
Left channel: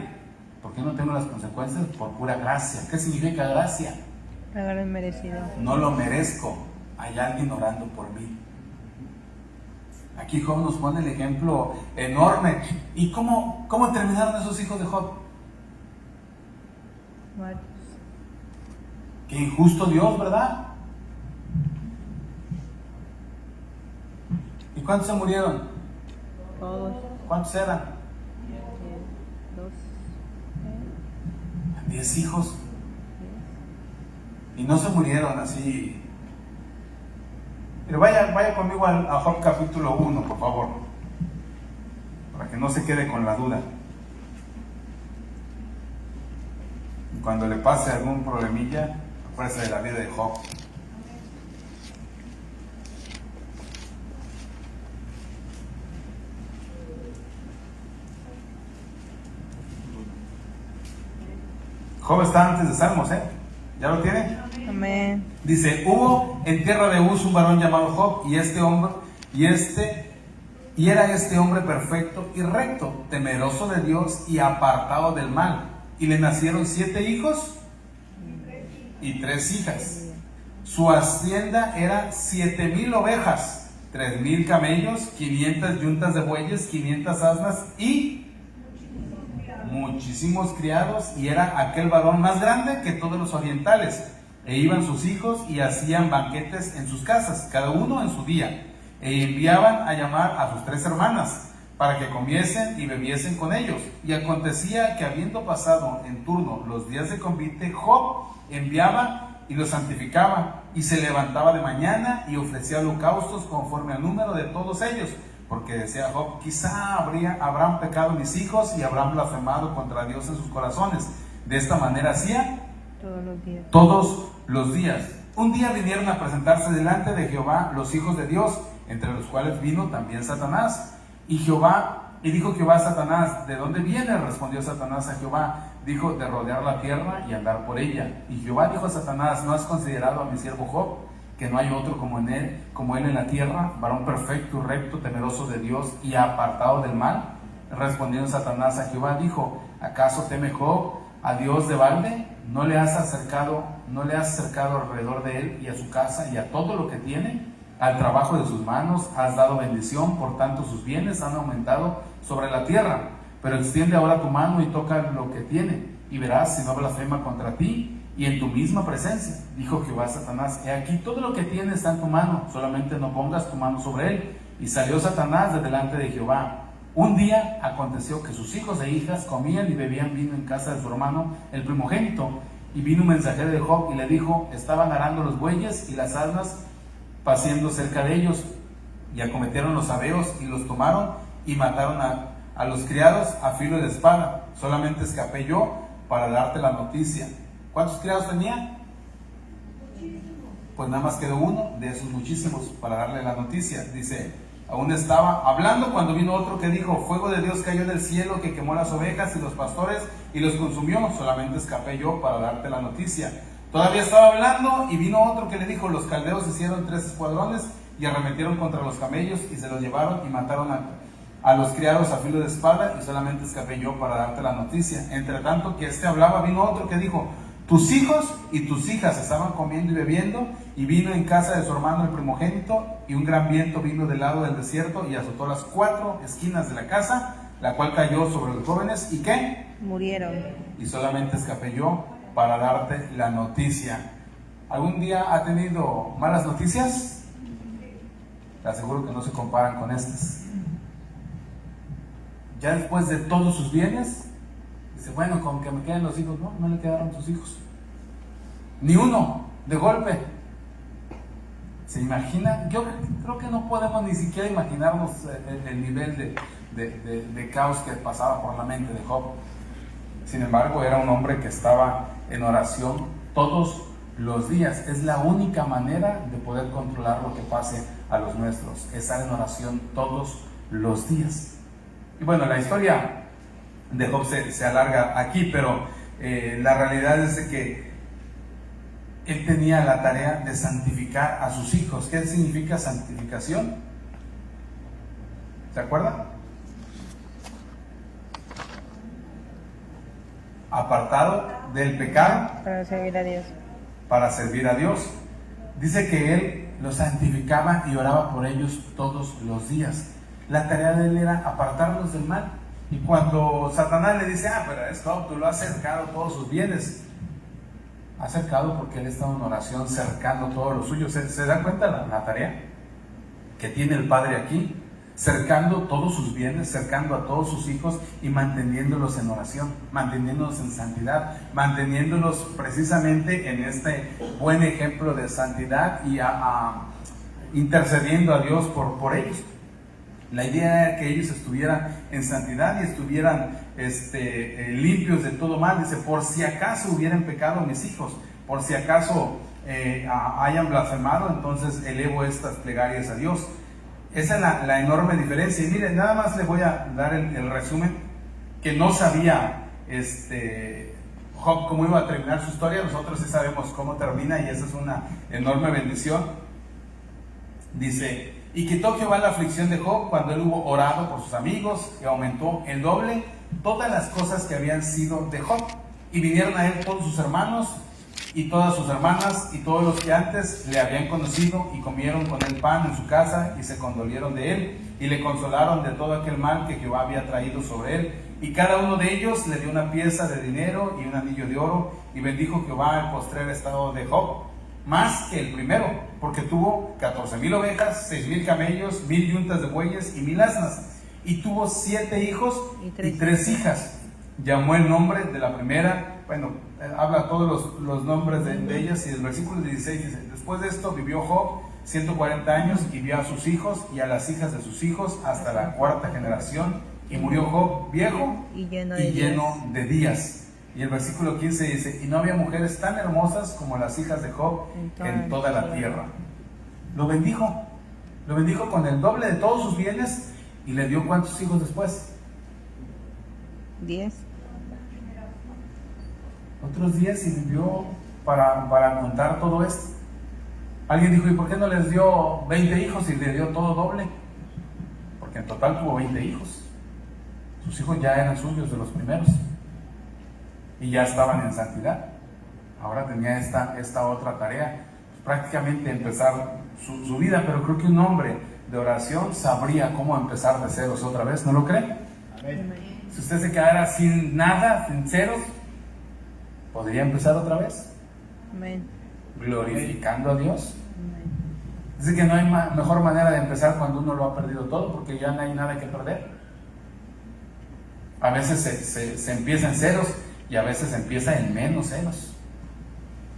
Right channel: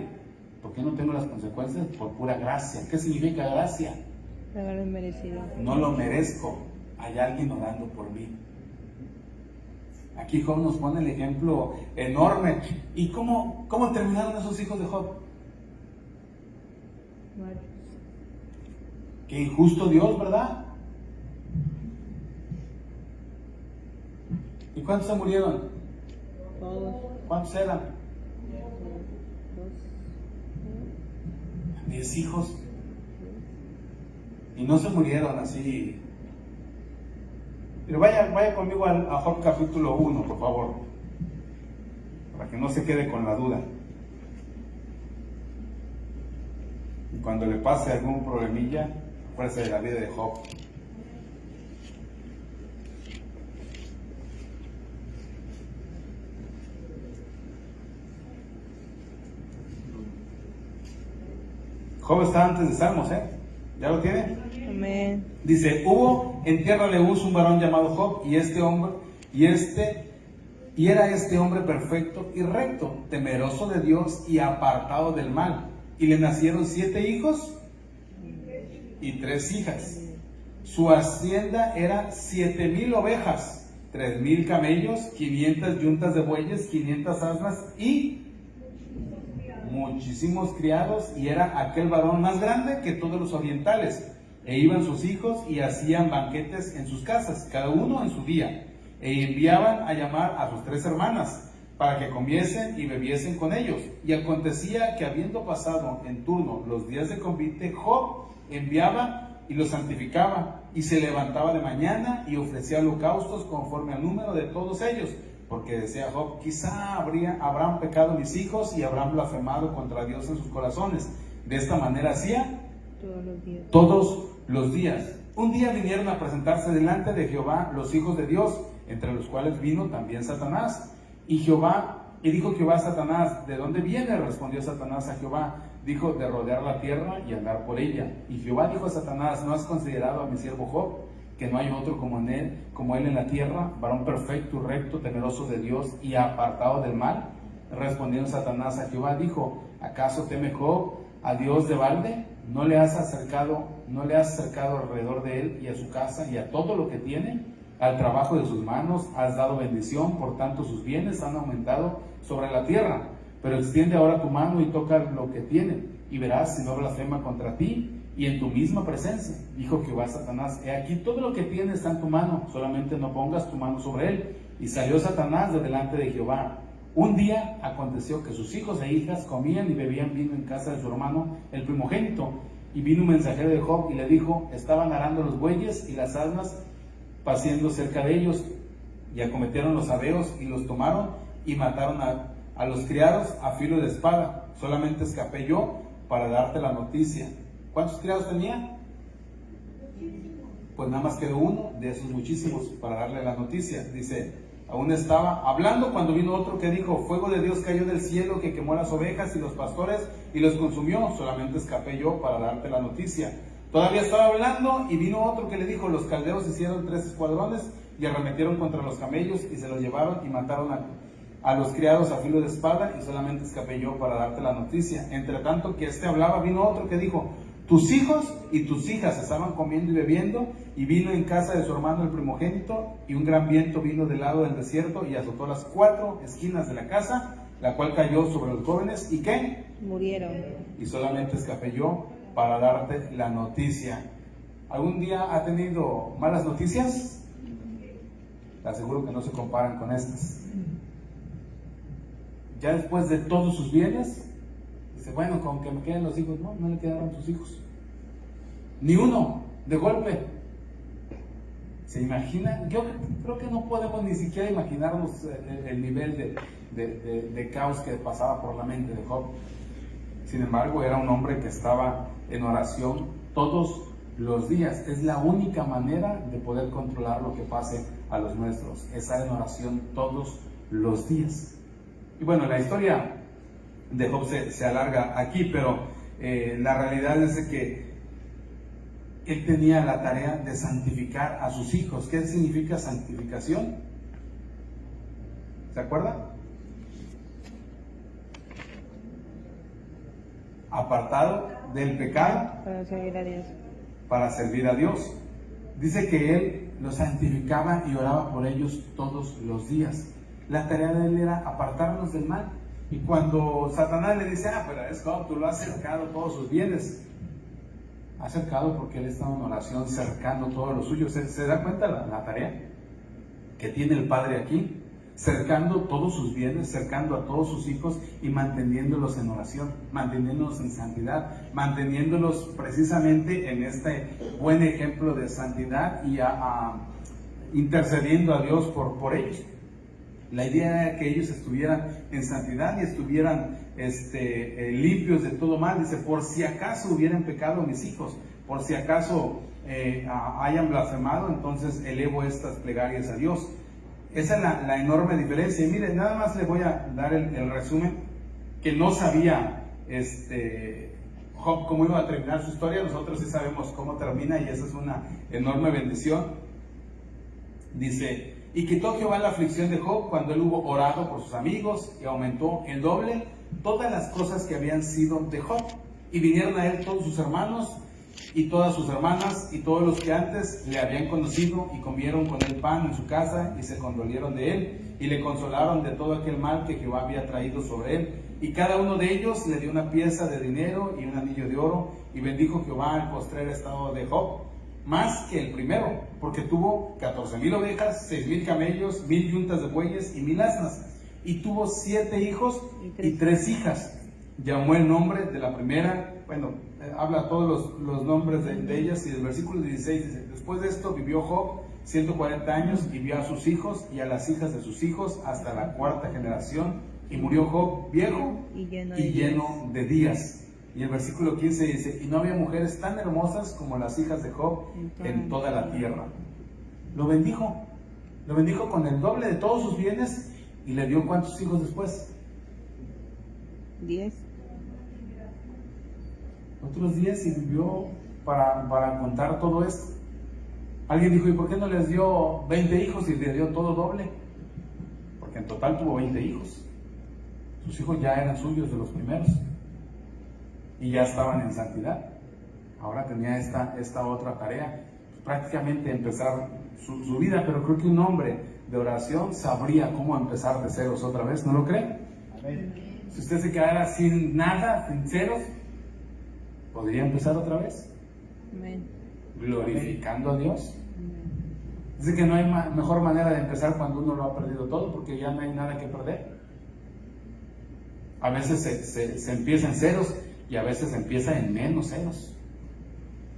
¿Por qué no tengo las consecuencias? Por pura gracia. ¿Qué significa gracia? Pagar el merecido. No lo merezco. Hay alguien orando por mí. Aquí Job nos pone el ejemplo enorme. ¿Y cómo terminaron esos hijos de Job? Varios. Qué injusto Dios, ¿verdad? ¿Y cuántos se murieron? Todos. ¿Cuántos eran? 10 hijos. Y no se murieron así. Pero vaya conmigo a Job capítulo 1, por favor, para que no se quede con la duda. Y cuando le pase algún problemilla, acuérdese de la vida de Job. Job está antes de Salmos, ¿eh? ¿Ya lo tiene? Amén. Dice, hubo en tierra de Uz un varón llamado Job, y era este hombre perfecto y recto, temeroso de Dios y apartado del mal. Y le nacieron 7 hijos y 3 hijas. Su hacienda era 7,000 ovejas, 3,000 camellos, 500 yuntas de bueyes, 500 asnas y muchísimos criados, y era aquel varón más grande que todos los orientales. E iban sus hijos y hacían banquetes en sus casas, cada uno en su día, e enviaban a llamar a sus 3 hermanas para que comiesen y bebiesen con ellos. Y acontecía que habiendo pasado en turno los días de convite, Job enviaba y los santificaba, y se levantaba de mañana y ofrecía holocaustos conforme al número de todos ellos, porque decía Job, quizá habrán pecado mis hijos y habrán blasfemado contra Dios en sus corazones. De esta manera hacía todos los días. Un día vinieron a presentarse delante de Jehová los hijos de Dios, entre los cuales vino también Satanás. Y dijo Jehová a Satanás, ¿de dónde viene? Respondió Satanás a Jehová, dijo, de rodear la tierra y andar por ella. Y Jehová dijo a Satanás, ¿no has considerado a mi siervo Job, que no hay otro como él en la tierra, varón perfecto y recto, temeroso de Dios y apartado del mal? Respondiendo Satanás a Jehová, dijo, ¿acaso teme Job a Dios de balde? ¿No le has acercado alrededor de él y a su casa y a todo lo que tiene? Al trabajo de sus manos has dado bendición, por tanto sus bienes han aumentado sobre la tierra. Pero extiende ahora tu mano y toca lo que tiene, y verás si no blasfema contra ti y en tu misma presencia. Dijo Jehová a Satanás, he aquí todo lo que tiene está en tu mano, solamente no pongas tu mano sobre él. Y salió Satanás de delante de Jehová. Un día aconteció que sus hijos e hijas comían y bebían vino en casa de su hermano el primogénito. Y vino un mensajero de Job y le dijo, estaban arando los bueyes y las asnas paciendo cerca de ellos, y acometieron los sabeos y los tomaron y mataron a los criados a filo de espada. Solamente escapé yo para darte la noticia. ¿Cuántos criados tenía? Pues nada más quedó uno de esos muchísimos para darle la noticia. Dice, aún estaba hablando cuando vino otro que dijo, fuego de Dios cayó del cielo que quemó las ovejas y los pastores y los consumió. Solamente escapé yo para darte la noticia. Todavía estaba hablando y vino otro que le dijo, los caldeos hicieron 3 escuadrones y arremetieron contra los camellos y se los llevaron y mataron a los criados a filo de espada, y solamente escapé yo para darte la noticia. Entre tanto que hablaba, vino otro que dijo, tus hijos y tus hijas estaban comiendo y bebiendo, y vino en casa de su hermano el primogénito, y un gran viento vino del lado del desierto y azotó las 4 esquinas de la casa, la cual cayó sobre los jóvenes, ¿y qué? Murieron. Y solamente escapé yo para darte la noticia. ¿Algún día ha tenido malas noticias? Te aseguro que no se comparan con estas. ya después de todos sus bienes, dice, bueno, con que me queden los hijos. No, no le quedaron sus hijos. Ni uno, de golpe. ¿Se imagina? Yo creo que no podemos ni siquiera imaginarnos el nivel de caos que pasaba por la mente de Job. Sin embargo, era un hombre que estaba en oración todos los días. Es la única manera de poder controlar lo que pase a los nuestros, estar en oración todos los días. Y bueno, la historia de Job se alarga aquí, pero la realidad es de que él tenía la tarea de santificar a sus hijos. ¿Qué significa santificación? ¿Se acuerdan? Apartado del pecado Para servir a Dios. para servir a Dios. Dice que él los santificaba y oraba por ellos todos los días. La tarea de él era apartarlos del mal. Y cuando Satanás le dice, pero es Job, tú lo has cercado todos sus bienes. Ha cercado porque él estaba en oración cercando todo lo suyo. ¿Se da cuenta la tarea que tiene el Padre aquí? Cercando todos sus bienes, cercando a todos sus hijos y manteniéndolos en oración, manteniéndolos en santidad, manteniéndolos precisamente en este buen ejemplo de santidad y intercediendo a Dios por ellos. La idea era que ellos estuvieran en santidad y estuvieran limpios de todo mal. Dice, por si acaso hubieran pecado mis hijos, por si acaso hayan blasfemado, entonces elevo estas plegarias a Dios. Esa es la enorme diferencia. Y miren, nada más les voy a dar el resumen, que no sabía Job cómo iba a terminar su historia. Nosotros sí sabemos cómo termina y esa es una enorme bendición. Dice, y quitó Jehová la aflicción de Job cuando él hubo orado por sus amigos, y aumentó el doble todas las cosas que habían sido de Job. Y vinieron a él todos sus hermanos y todas sus hermanas y todos los que antes le habían conocido, y comieron con él pan en su casa y se condolieron de él y le consolaron de todo aquel mal que Jehová había traído sobre él. Y cada uno de ellos le dio una pieza de dinero y un anillo de oro, y bendijo Jehová el postrer estado de Job más que el primero, porque tuvo 14,000 ovejas, 6,000 camellos, 1,000 yuntas de bueyes y 1,000 asnas, y tuvo 7 hijos y 3 hijas. Llamó el nombre de la primera, habla todos los nombres de ellas, y el versículo 16 dice, después de esto vivió Job 140 años y vio a sus hijos y a las hijas de sus hijos hasta la 4ª generación, y murió Job viejo y lleno de días. Y el versículo 15 dice, y no había mujeres tan hermosas como las hijas de Job en toda la tierra. Lo bendijo con el doble de todos sus bienes, y le dio ¿cuántos hijos después? 10. Otros 10, y vivió para contar todo esto. Alguien dijo, ¿y por qué no les dio 20 hijos y le dio todo doble? Porque en total tuvo 20 hijos. Sus hijos ya eran suyos de los primeros y ya estaban en santidad. Ahora tenía esta otra tarea, prácticamente empezar su vida. Pero creo que un hombre de oración sabría cómo empezar de ceros otra vez, ¿no lo cree? Amén. Si usted se quedara sin nada, sin ceros, podría empezar otra vez. Amén. Glorificando a Dios. Amén. Dice que no hay mejor manera de empezar cuando uno lo ha perdido todo, porque ya no hay nada que perder. A veces se empieza en ceros y a veces se empieza en menos ceros,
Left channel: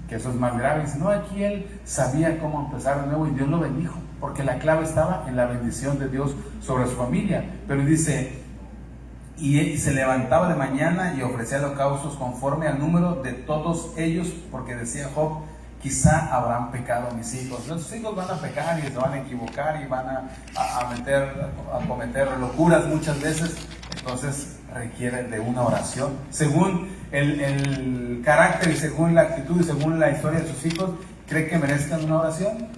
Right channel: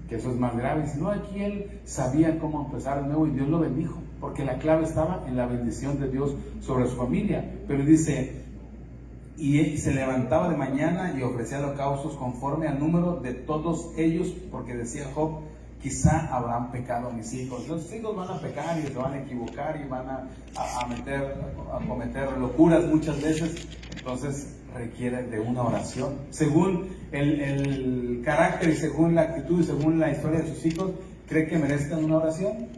que eso es más grave. Dice, no, aquí él sabía cómo empezar de nuevo y Dios lo bendijo, porque la clave estaba en la bendición de Dios sobre su familia. Pero dice, y se levantaba de mañana y ofrecía holocaustos conforme al número de todos ellos, porque decía Job, quizá habrán pecado mis hijos. Los hijos van a pecar y se van a equivocar y van a cometer locuras muchas veces. Entonces requiere de una oración según el carácter y según la actitud y según la historia de sus hijos. ¿Cree que merezcan una oración?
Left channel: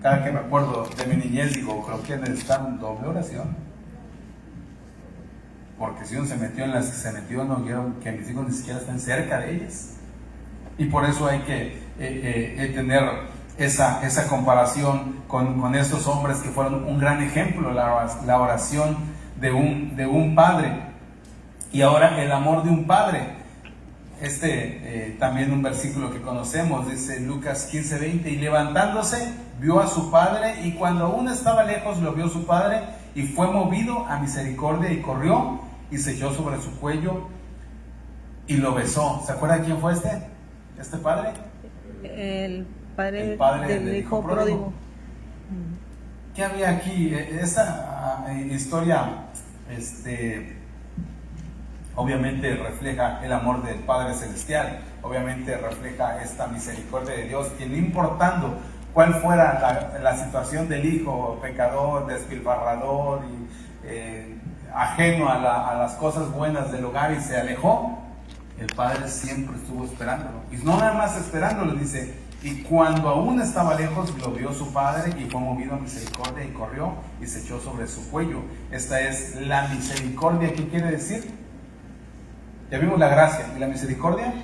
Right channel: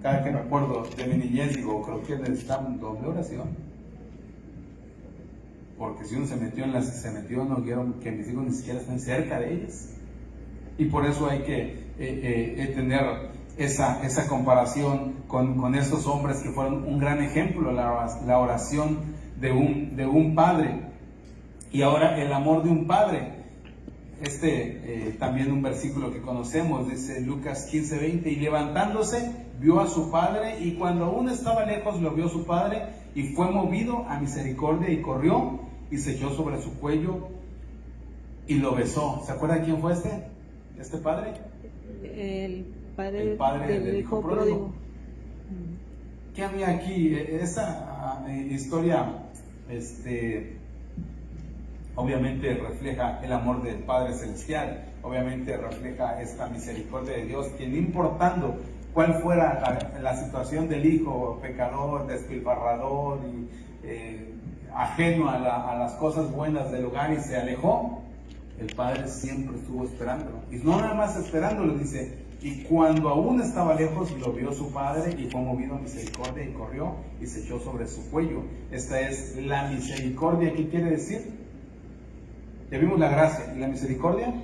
Cada que me acuerdo de mi niñez digo, creo que necesitan doble oración, porque si uno se metió en las que se metió, no quiero que mis hijos ni siquiera estén cerca de ellas. Y por eso hay que tener esa comparación con estos hombres que fueron un gran ejemplo, la oración de un padre. Y ahora el amor de un padre. También un versículo que conocemos, dice Lucas 15:20, y levantándose vio a su padre, y cuando aún estaba lejos lo vio su padre, y fue movido a misericordia, y corrió y se echó sobre su cuello y lo besó. ¿Se acuerda de quién fue este padre? El padre, El padre del hijo pródigo. ¿Qué había aquí? Esa historia, obviamente refleja el amor del Padre Celestial, obviamente refleja esta misericordia de Dios, que no importando cuál fuera la situación del hijo pecador, despilfarrador y ajeno a las cosas buenas del hogar y se alejó, el Padre siempre estuvo esperándolo. Y no nada más esperándolo, dice, y cuando aún estaba lejos lo vio su padre y fue movido a misericordia y corrió y se echó sobre su cuello. Esta es la misericordia. ¿Qué quiere decir? Ya vimos la gracia. ¿Y la misericordia?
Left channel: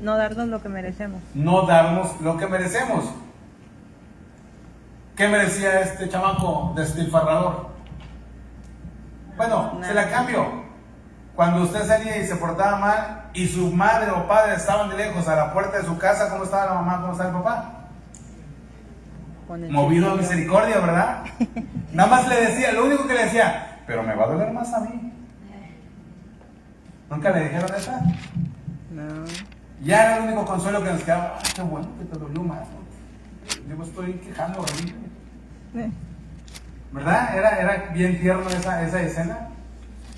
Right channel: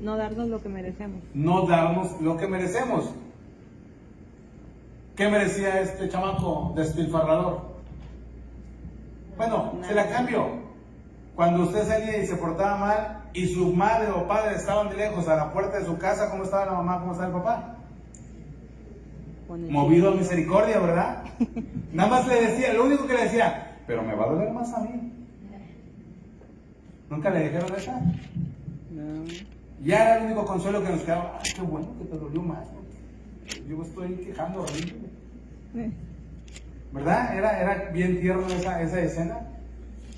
No darnos lo que merecemos. No darnos lo que merecemos. ¿Qué merecía este chamaco despilfarrador? Bueno, se la cambio. Cuando usted salía y se portaba mal y su madre o padre estaban de lejos a la puerta de su casa, ¿cómo estaba la mamá? ¿Cómo estaba el papá? Movido a misericordia, ¿verdad? Nada más le decía, lo único que le decía, pero me va a doler más a mí. ¿Nunca le dijeron esa? No. Ya era el único consuelo que nos quedaba. Ay, qué bueno que te dolió más. Yo me estoy quejando horrible. ¿Verdad? Era bien tierno esa escena.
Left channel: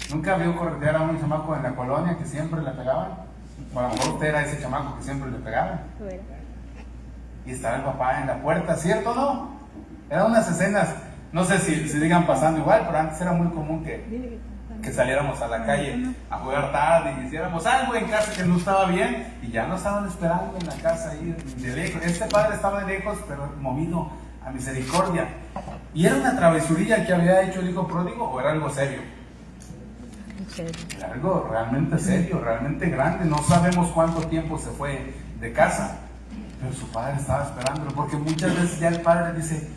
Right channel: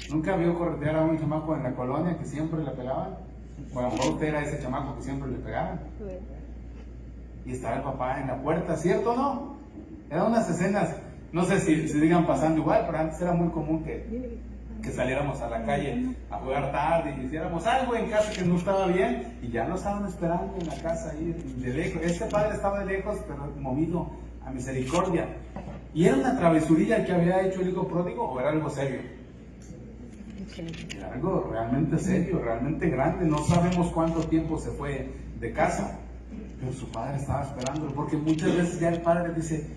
¿Nunca vio corretear a un chamaco en la colonia que siempre le pegaban? O a lo mejor usted era ese chamaco que siempre le pegaban. Y estaba el papá en la puerta, ¿cierto o no? Eran unas escenas, no sé si sigan pasando igual, pero antes era muy común que saliéramos a la calle a jugar tarde y hiciéramos algo en casa que no estaba bien y ya nos estaban esperando en la casa ahí de lejos. Este padre estaba de lejos, pero movido a misericordia. ¿Y era una travesurilla que había hecho el hijo pródigo o era algo serio? Era algo realmente serio, realmente grande. No sabemos cuánto tiempo se fue de casa, pero su padre estaba esperándolo, porque muchas veces ya el padre dice,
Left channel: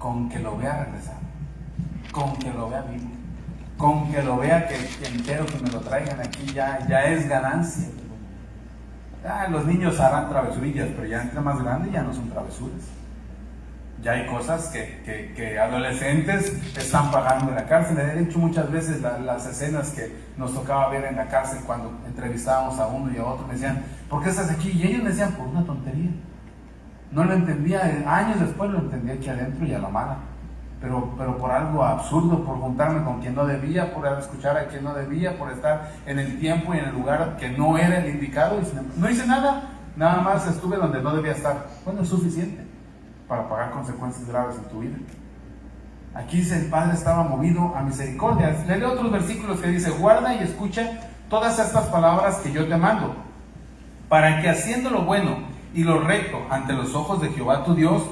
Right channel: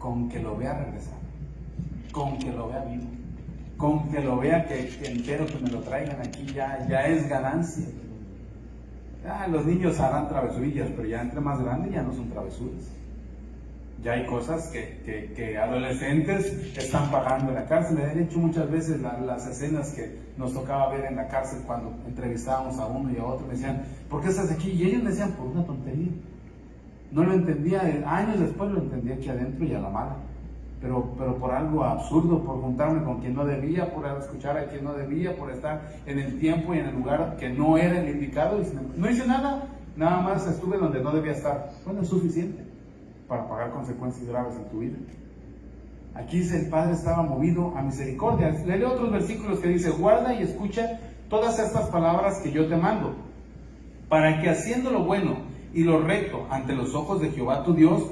con que lo vea regresar, con que lo vea vivo, con que lo vea que entero, que me lo traigan aquí, ya es ganancia. Los niños harán travesurillas, pero ya entre más grandes ya no son travesuras. Ya hay cosas que adolescentes están pagando en la cárcel. He hecho muchas veces las escenas que nos tocaba ver en la cárcel cuando entrevistábamos a uno y a otro. Me decían, ¿por qué estás aquí? Y ellos me decían, por una tontería. No lo entendía, años después lo entendí aquí adentro y a la mala. Pero por algo absurdo, por juntarme con quien no debía, por escuchar a quien no debía, por estar en el tiempo y en el lugar que no era el indicado. Y no hice nada, nada más estuve donde no debía estar. Bueno, es suficiente para pagar consecuencias graves en tu vida. Aquí dice, el Padre estaba movido a misericordia. Le leo otros versículos que dice, guarda y escucha todas estas palabras que yo te mando, para que haciendo lo bueno y lo recto ante los ojos de Jehová tu Dios,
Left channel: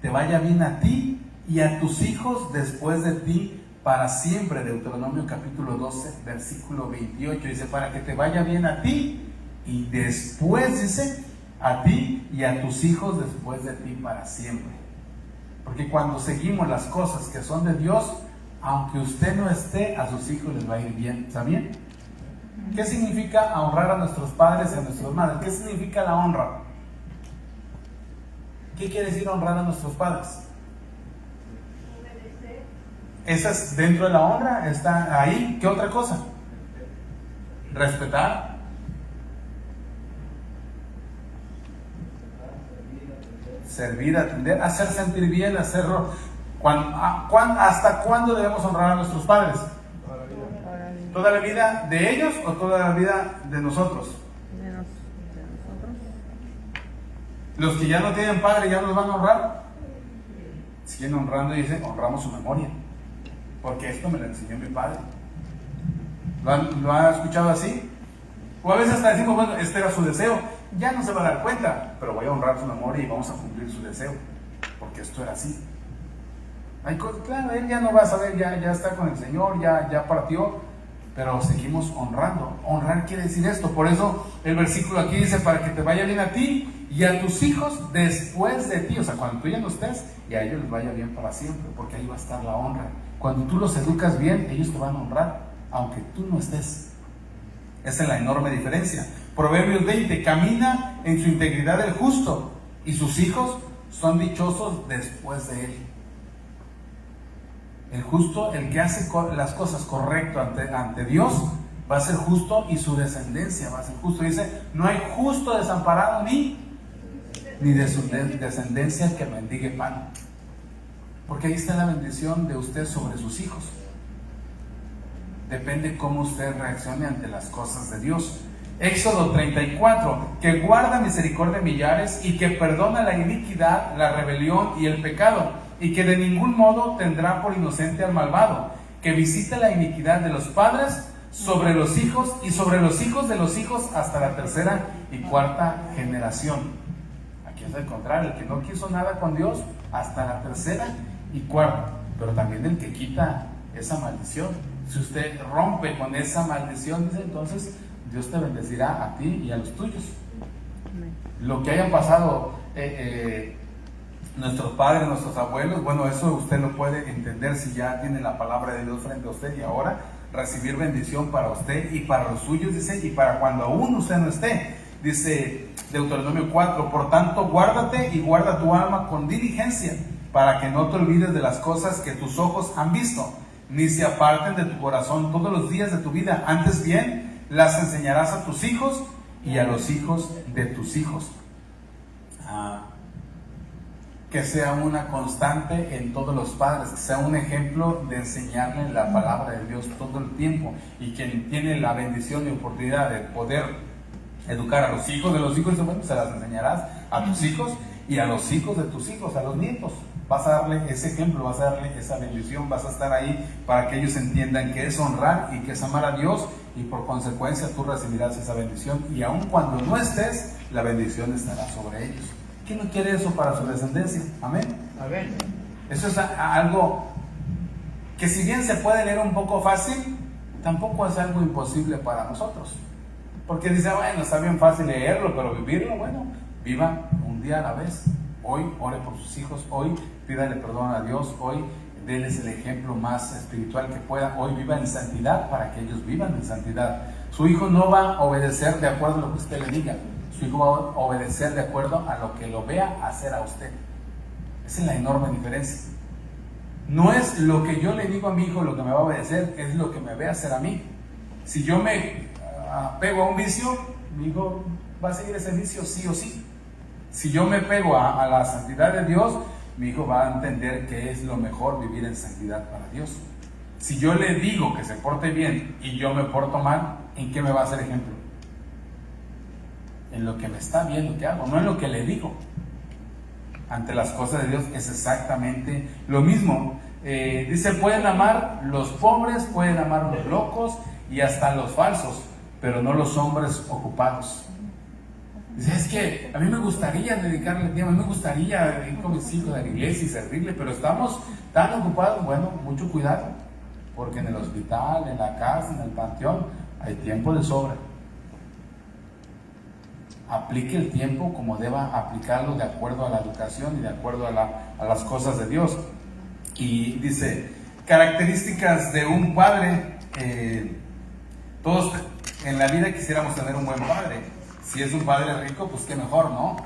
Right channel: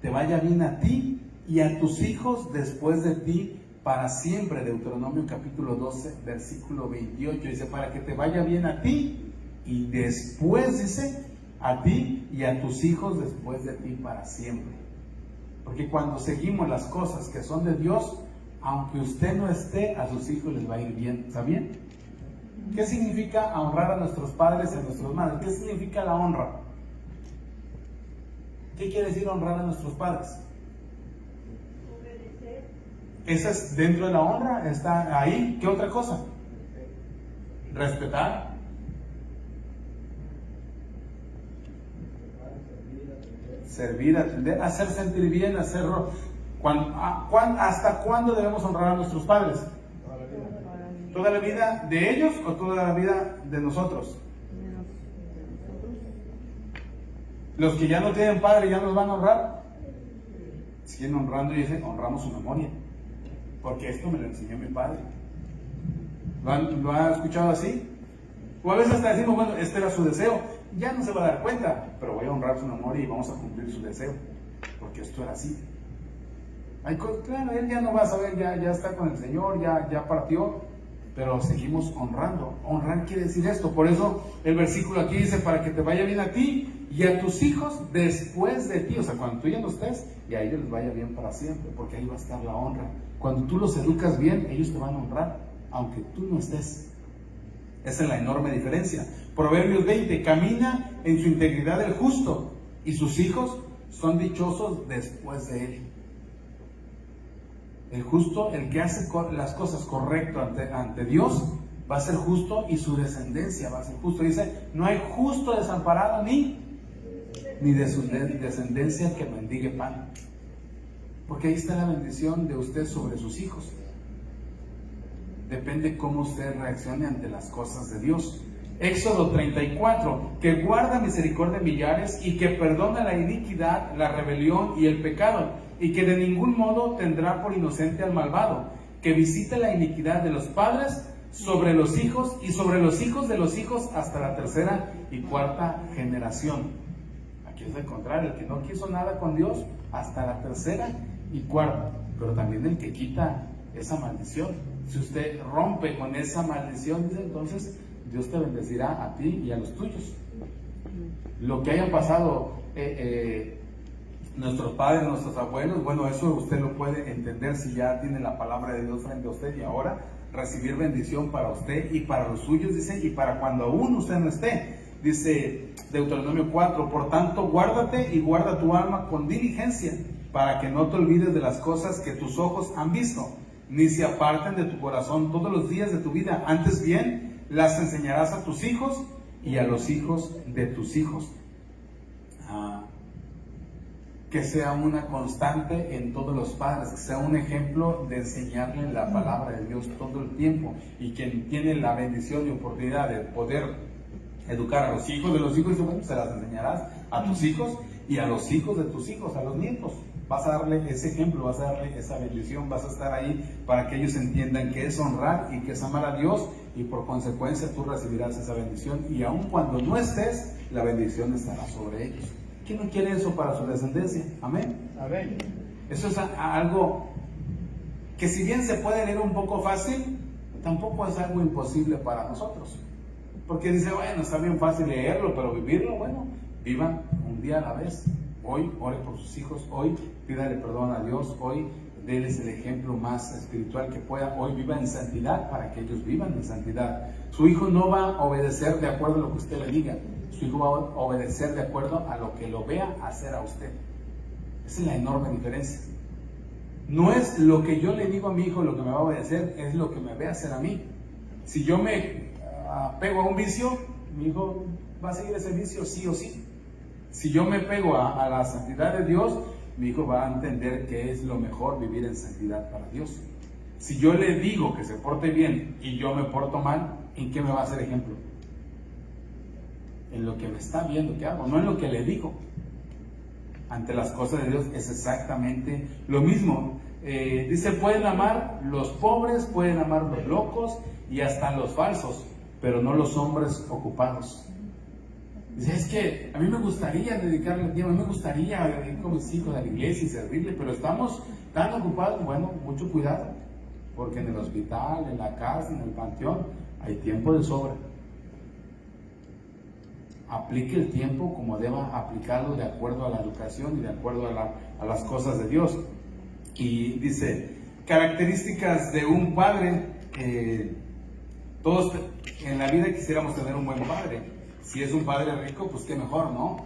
te vaya bien a ti y a tus hijos después de ti para siempre. Deuteronomio capítulo 12, versículo 28, dice, para que te vaya bien a ti y después, dice, a ti y a tus hijos después de ti para siempre. Porque cuando seguimos las cosas que son de Dios, aunque usted no esté, a sus hijos les va a ir bien. ¿Está bien? ¿Qué significa honrar a nuestros padres y a nuestras madres? ¿Qué significa la honra? ¿Qué quiere decir honrar a nuestros padres? Esa es dentro de la honra, está ahí. ¿Qué otra cosa? Respetar. Servir, atender, hacer sentir bien, hacerlo. ¿Hasta cuándo debemos honrar a nuestros padres? ¿Toda la vida de ellos o toda la vida de nosotros? De nosotros. Los que ya no tienen padre ya nos van a honrar. Siguen honrando y dicen, honramos su memoria, porque esto me lo enseñó mi padre. ¿Lo han escuchado así? O a veces hasta decimos, bueno, este era su deseo. Ya no se va a dar cuenta, pero voy a honrar su memoria y vamos a cumplir su deseo, porque esto era así. Claro, él ya no va a saber, ya está con el Señor, ya partió, pero seguimos honrando. Honrar quiere decir esto. Por eso el versículo aquí dice, para que te vaya bien a ti y a tus hijos después de ti. O sea, cuando tú ya no estés, y a ellos les vaya bien para siempre, porque ahí va a estar la honra. Cuando tú los educas bien, ellos te van a honrar, aunque tú no estés. Esa es la enorme diferencia. Proverbios 20, camina en su integridad el justo, y sus hijos son dichosos después de él. El justo, el que hace las cosas correctas ante Dios, va a ser justo, y su descendencia va a ser justo. Dice, no hay justo desamparado ni de su descendencia que mendigue pan. Porque ahí está la bendición de usted sobre sus hijos. Depende cómo usted reaccione ante las cosas de Dios. Éxodo 34, que guarda misericordia de millares y que perdona la iniquidad, la rebelión y el pecado, y que de ningún modo tendrá por inocente al malvado, que visite la iniquidad de los padres sobre los hijos y sobre los hijos de los hijos hasta la tercera y cuarta generación. Aquí es al contrario, el que no quiso nada con Dios hasta la tercera y cuarta, pero también el que quita esa maldición. Si usted rompe con esa maldición, dice, entonces Dios te bendecirá a ti y a los tuyos. Lo que haya pasado nuestros padres, nuestros abuelos, bueno, eso usted lo puede entender si ya tiene la palabra de Dios frente a usted, y ahora recibir bendición para usted y para los suyos, dice, y para cuando aún usted no esté. Dice Deuteronomio 4, por tanto, guárdate y guarda tu alma con diligencia, para que no te olvides de las cosas que tus ojos han visto, ni se aparten de tu corazón todos los días de tu vida. Antes bien, las enseñarás a tus hijos y a los hijos de tus hijos. Que sea una constante en todos los padres, que sea un ejemplo de enseñarle la palabra de Dios todo el tiempo, y quien tiene la bendición y oportunidad de poder educar a los hijos de los hijos, bueno, se las enseñarás a tus hijos y a los hijos de tus hijos, a los nietos. Vas a darle ese ejemplo, vas a darle esa bendición, vas a estar ahí para que ellos entiendan que es honrar y que es amar a Dios, y por consecuencia tú recibirás esa bendición, y aun cuando no estés, la bendición estará sobre ellos. ¿Quién no quiere eso para su descendencia? Amén. Amén. Eso es algo que, si bien se puede leer un poco fácil, tampoco es algo imposible para nosotros. Porque dice, bueno, está bien fácil leerlo, pero vivirlo, bueno, viva un día a la vez. Hoy ore por sus hijos, hoy pídale perdón a Dios, hoy déles el ejemplo más espiritual que pueda, hoy viva en santidad para que ellos vivan en santidad. Su hijo no va a obedecer de acuerdo a lo que usted le diga, su hijo va a obedecer de acuerdo a lo que lo vea hacer a usted. Esa es la enorme diferencia. No es lo que yo le digo a mi hijo lo que me va a obedecer, es lo que me ve hacer a mí. Si yo me pego a un vicio, mi hijo va a seguir ese vicio sí o sí. Si yo me pego a la santidad de Dios, mi hijo va a entender que es lo mejor vivir en santidad para Dios. Si yo le digo que se porte bien y yo me porto mal, ¿en qué me va a hacer ejemplo? En lo que me está viendo que hago, no en lo que le digo. Ante las cosas de Dios es exactamente lo mismo. Dice, pueden amar los pobres, pueden amar los locos y hasta los falsos, pero no los hombres ocupados. Dice, es que a mí me gustaría dedicarle tiempo, a mí me gustaría ir con mis hijos a la iglesia y servirle, pero estamos tan ocupados. Bueno, mucho cuidado, porque en el hospital, en la casa, en el panteón, hay tiempo de sobra. Aplique el tiempo como deba aplicarlo, de acuerdo a la educación y de acuerdo a las cosas de Dios. Y dice, características de un padre. Todos en la vida quisiéramos tener un buen padre. Si es un padre rico, pues qué mejor, ¿no?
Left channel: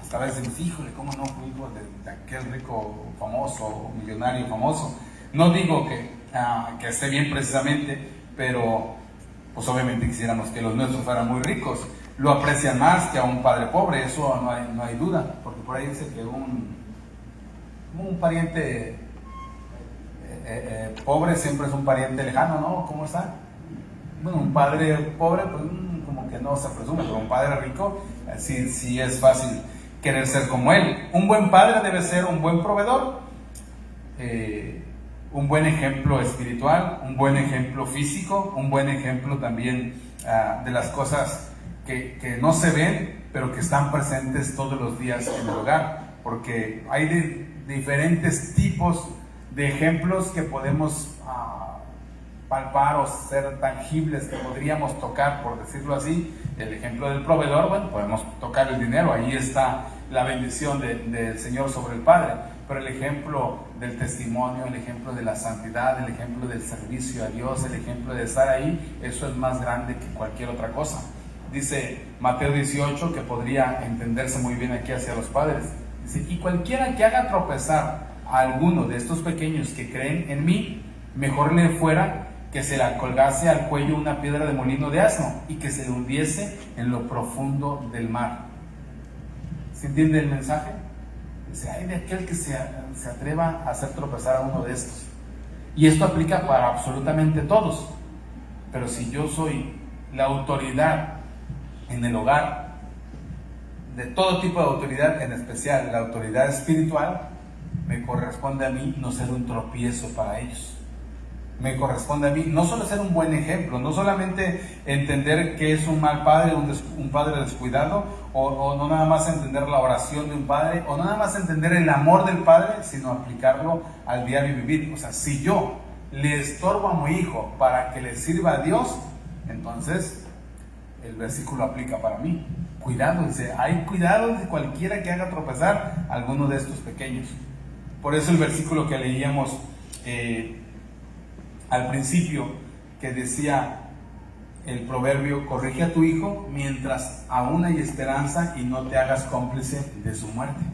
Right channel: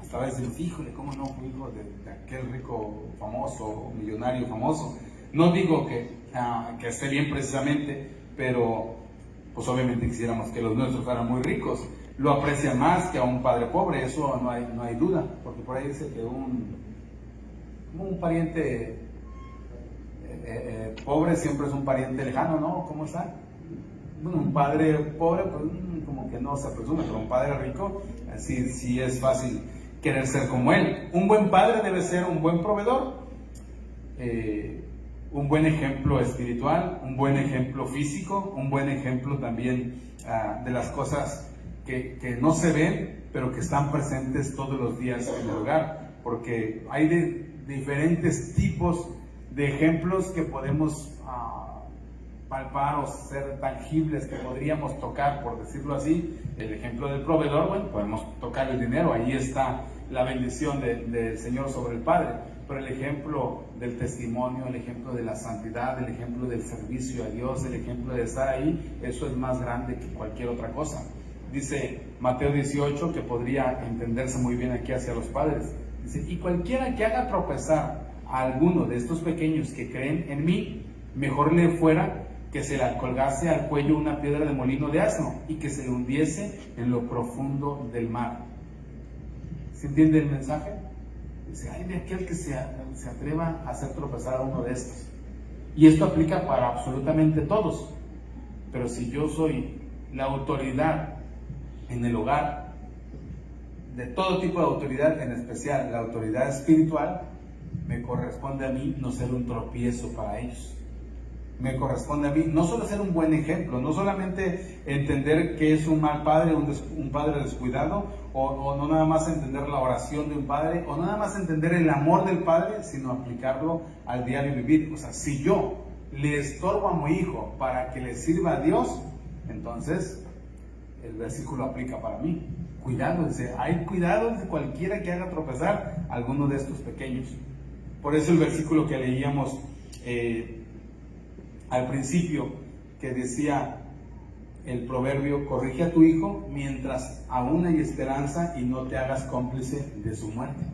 Hasta a veces, híjole, ¿cómo no fui hijo de aquel rico famoso, millonario famoso? No digo que esté bien precisamente, pero pues obviamente quisiéramos que los nuestros fueran muy ricos. Lo aprecian más que a un padre pobre, eso no hay duda, porque por ahí dice que un pariente pobre siempre es un pariente lejano, ¿no? ¿Cómo está? Bueno, un padre pobre, pues como que no se presume, pero un padre rico, sí es fácil querer ser como él. Un buen padre debe ser un buen proveedor, un buen ejemplo espiritual, un buen ejemplo físico, un buen ejemplo también de las cosas que no se ven, pero que están presentes todos los días en el hogar, porque hay diferentes tipos de ejemplos que podemos palpar o ser tangibles, que podríamos tocar, por decirlo así. El ejemplo del proveedor, bueno, podemos tocar el dinero, ahí está la bendición del Señor sobre el Padre, pero el ejemplo del testimonio, el ejemplo de la santidad, el ejemplo del servicio a Dios, el ejemplo de estar ahí, eso es más grande que cualquier otra cosa. Dice Mateo 18, que podría entenderse muy bien aquí hacia los padres. Dice, y cualquiera que haga tropezar a alguno de estos pequeños que creen en mí, mejor le fuera que se le colgase al cuello una piedra de molino de asno y que se hundiese en lo profundo del mar. ¿Se entiende el mensaje? Dice, hay de aquel que se atreva a hacer tropezar a uno de estos. Y esto aplica para absolutamente todos. Pero si yo soy la autoridad en el hogar, de todo tipo de autoridad, en especial la autoridad espiritual, me corresponde a mí no ser un tropiezo para ellos. Me corresponde a mí no solo ser un buen ejemplo, no solamente entender que es un mal padre, un padre descuidado, o no nada más entender la oración de un padre, o no nada más entender el amor del padre, sino aplicarlo al diario vivir. O sea, si yo le estorbo a mi hijo para que le sirva a Dios, entonces el versículo aplica para mí. Cuidado, dice, hay cuidado de cualquiera que haga tropezar a alguno de estos pequeños. Por eso el versículo que leíamos al principio, que decía el proverbio, corrige a tu hijo mientras aún hay esperanza y no te hagas cómplice de su muerte.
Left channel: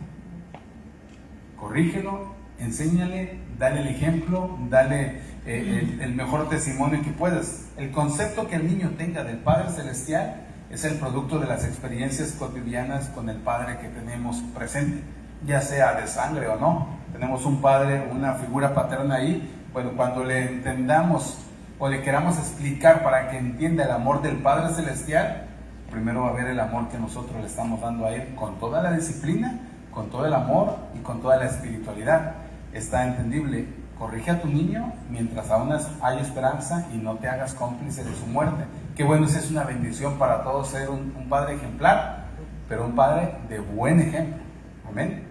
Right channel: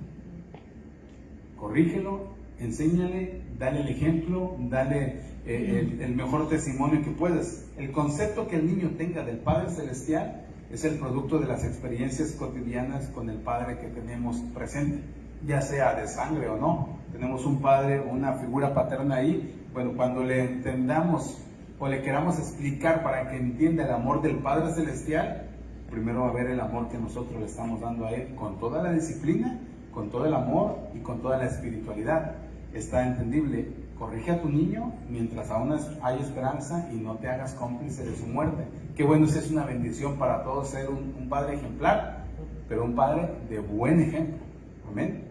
Corrígelo, enséñale, dale el ejemplo, dale el mejor testimonio que puedas. El concepto que el niño tenga del Padre Celestial es el producto de las experiencias cotidianas con el Padre que tenemos presente, ya sea de sangre o no. Tenemos un padre, una figura paterna ahí. Bueno, cuando le entendamos o le queramos explicar para que entienda el amor del Padre Celestial, primero va a ver el amor que nosotros le estamos dando a él, con toda la disciplina, con todo el amor y con toda la espiritualidad. Está entendible. Corrige a tu niño mientras aún hay esperanza y no te hagas cómplice de su muerte. Qué bueno, es una bendición para todos ser un padre ejemplar, pero un padre de buen ejemplo. Amén.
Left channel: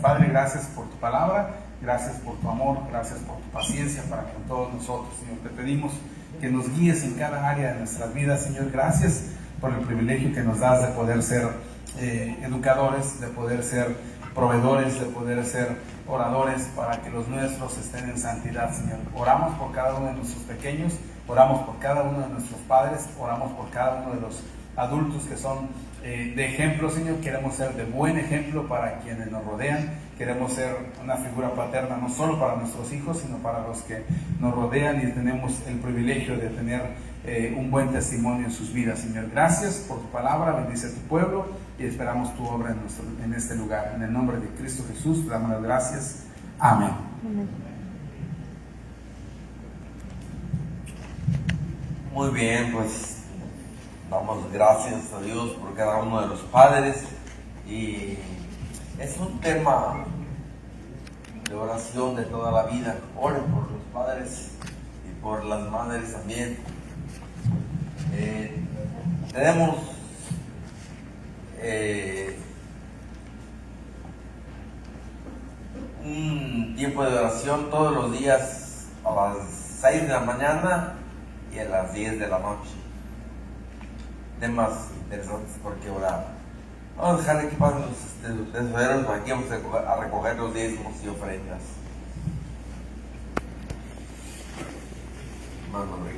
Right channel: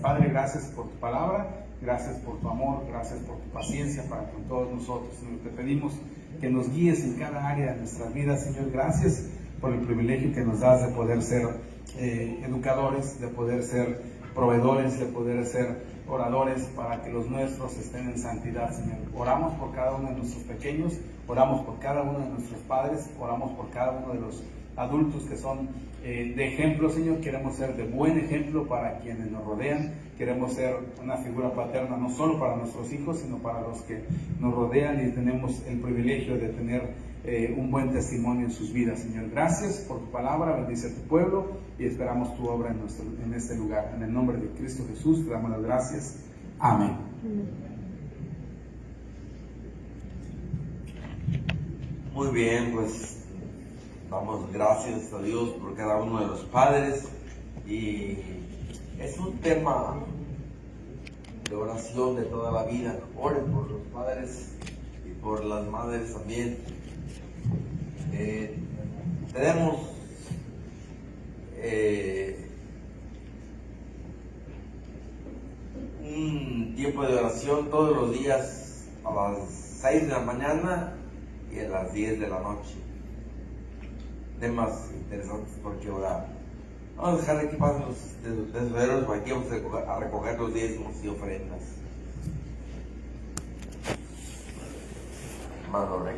Padre, gracias por tu palabra, gracias por tu amor, gracias por tu paciencia para con todos nosotros, Señor. Te pedimos que nos guíes en cada área de nuestras vidas, Señor. Gracias por el privilegio que nos das de poder ser educadores, de poder ser proveedores, de poder ser oradores para que los nuestros estén en santidad, Señor. Oramos por cada uno de nuestros pequeños, oramos por cada uno de nuestros padres, oramos por cada uno de los adultos que son de ejemplo, Señor. Queremos ser de buen ejemplo para quienes nos rodean. Queremos ser una figura paterna no solo para nuestros hijos, sino para los que nos rodean, y tenemos el privilegio de tener un buen testimonio en sus vidas, Señor. Gracias por tu palabra, bendice a tu pueblo y esperamos tu obra en este lugar. En el nombre de Cristo Jesús, te damos las gracias. Amén. Muy bien, pues damos gracias a Dios por cada uno de los padres, y es un tema de oración de toda la vida. Oren por los padres y por las madres también. Tenemos un tiempo de oración todos los días a las 6 de la mañana y a las 10 de la noche. Temas interesantes por qué orar. Vamos a dejar aquí para los tesoreros, aquí vamos a recoger los diezmos y ofrendas. Hermano Rick.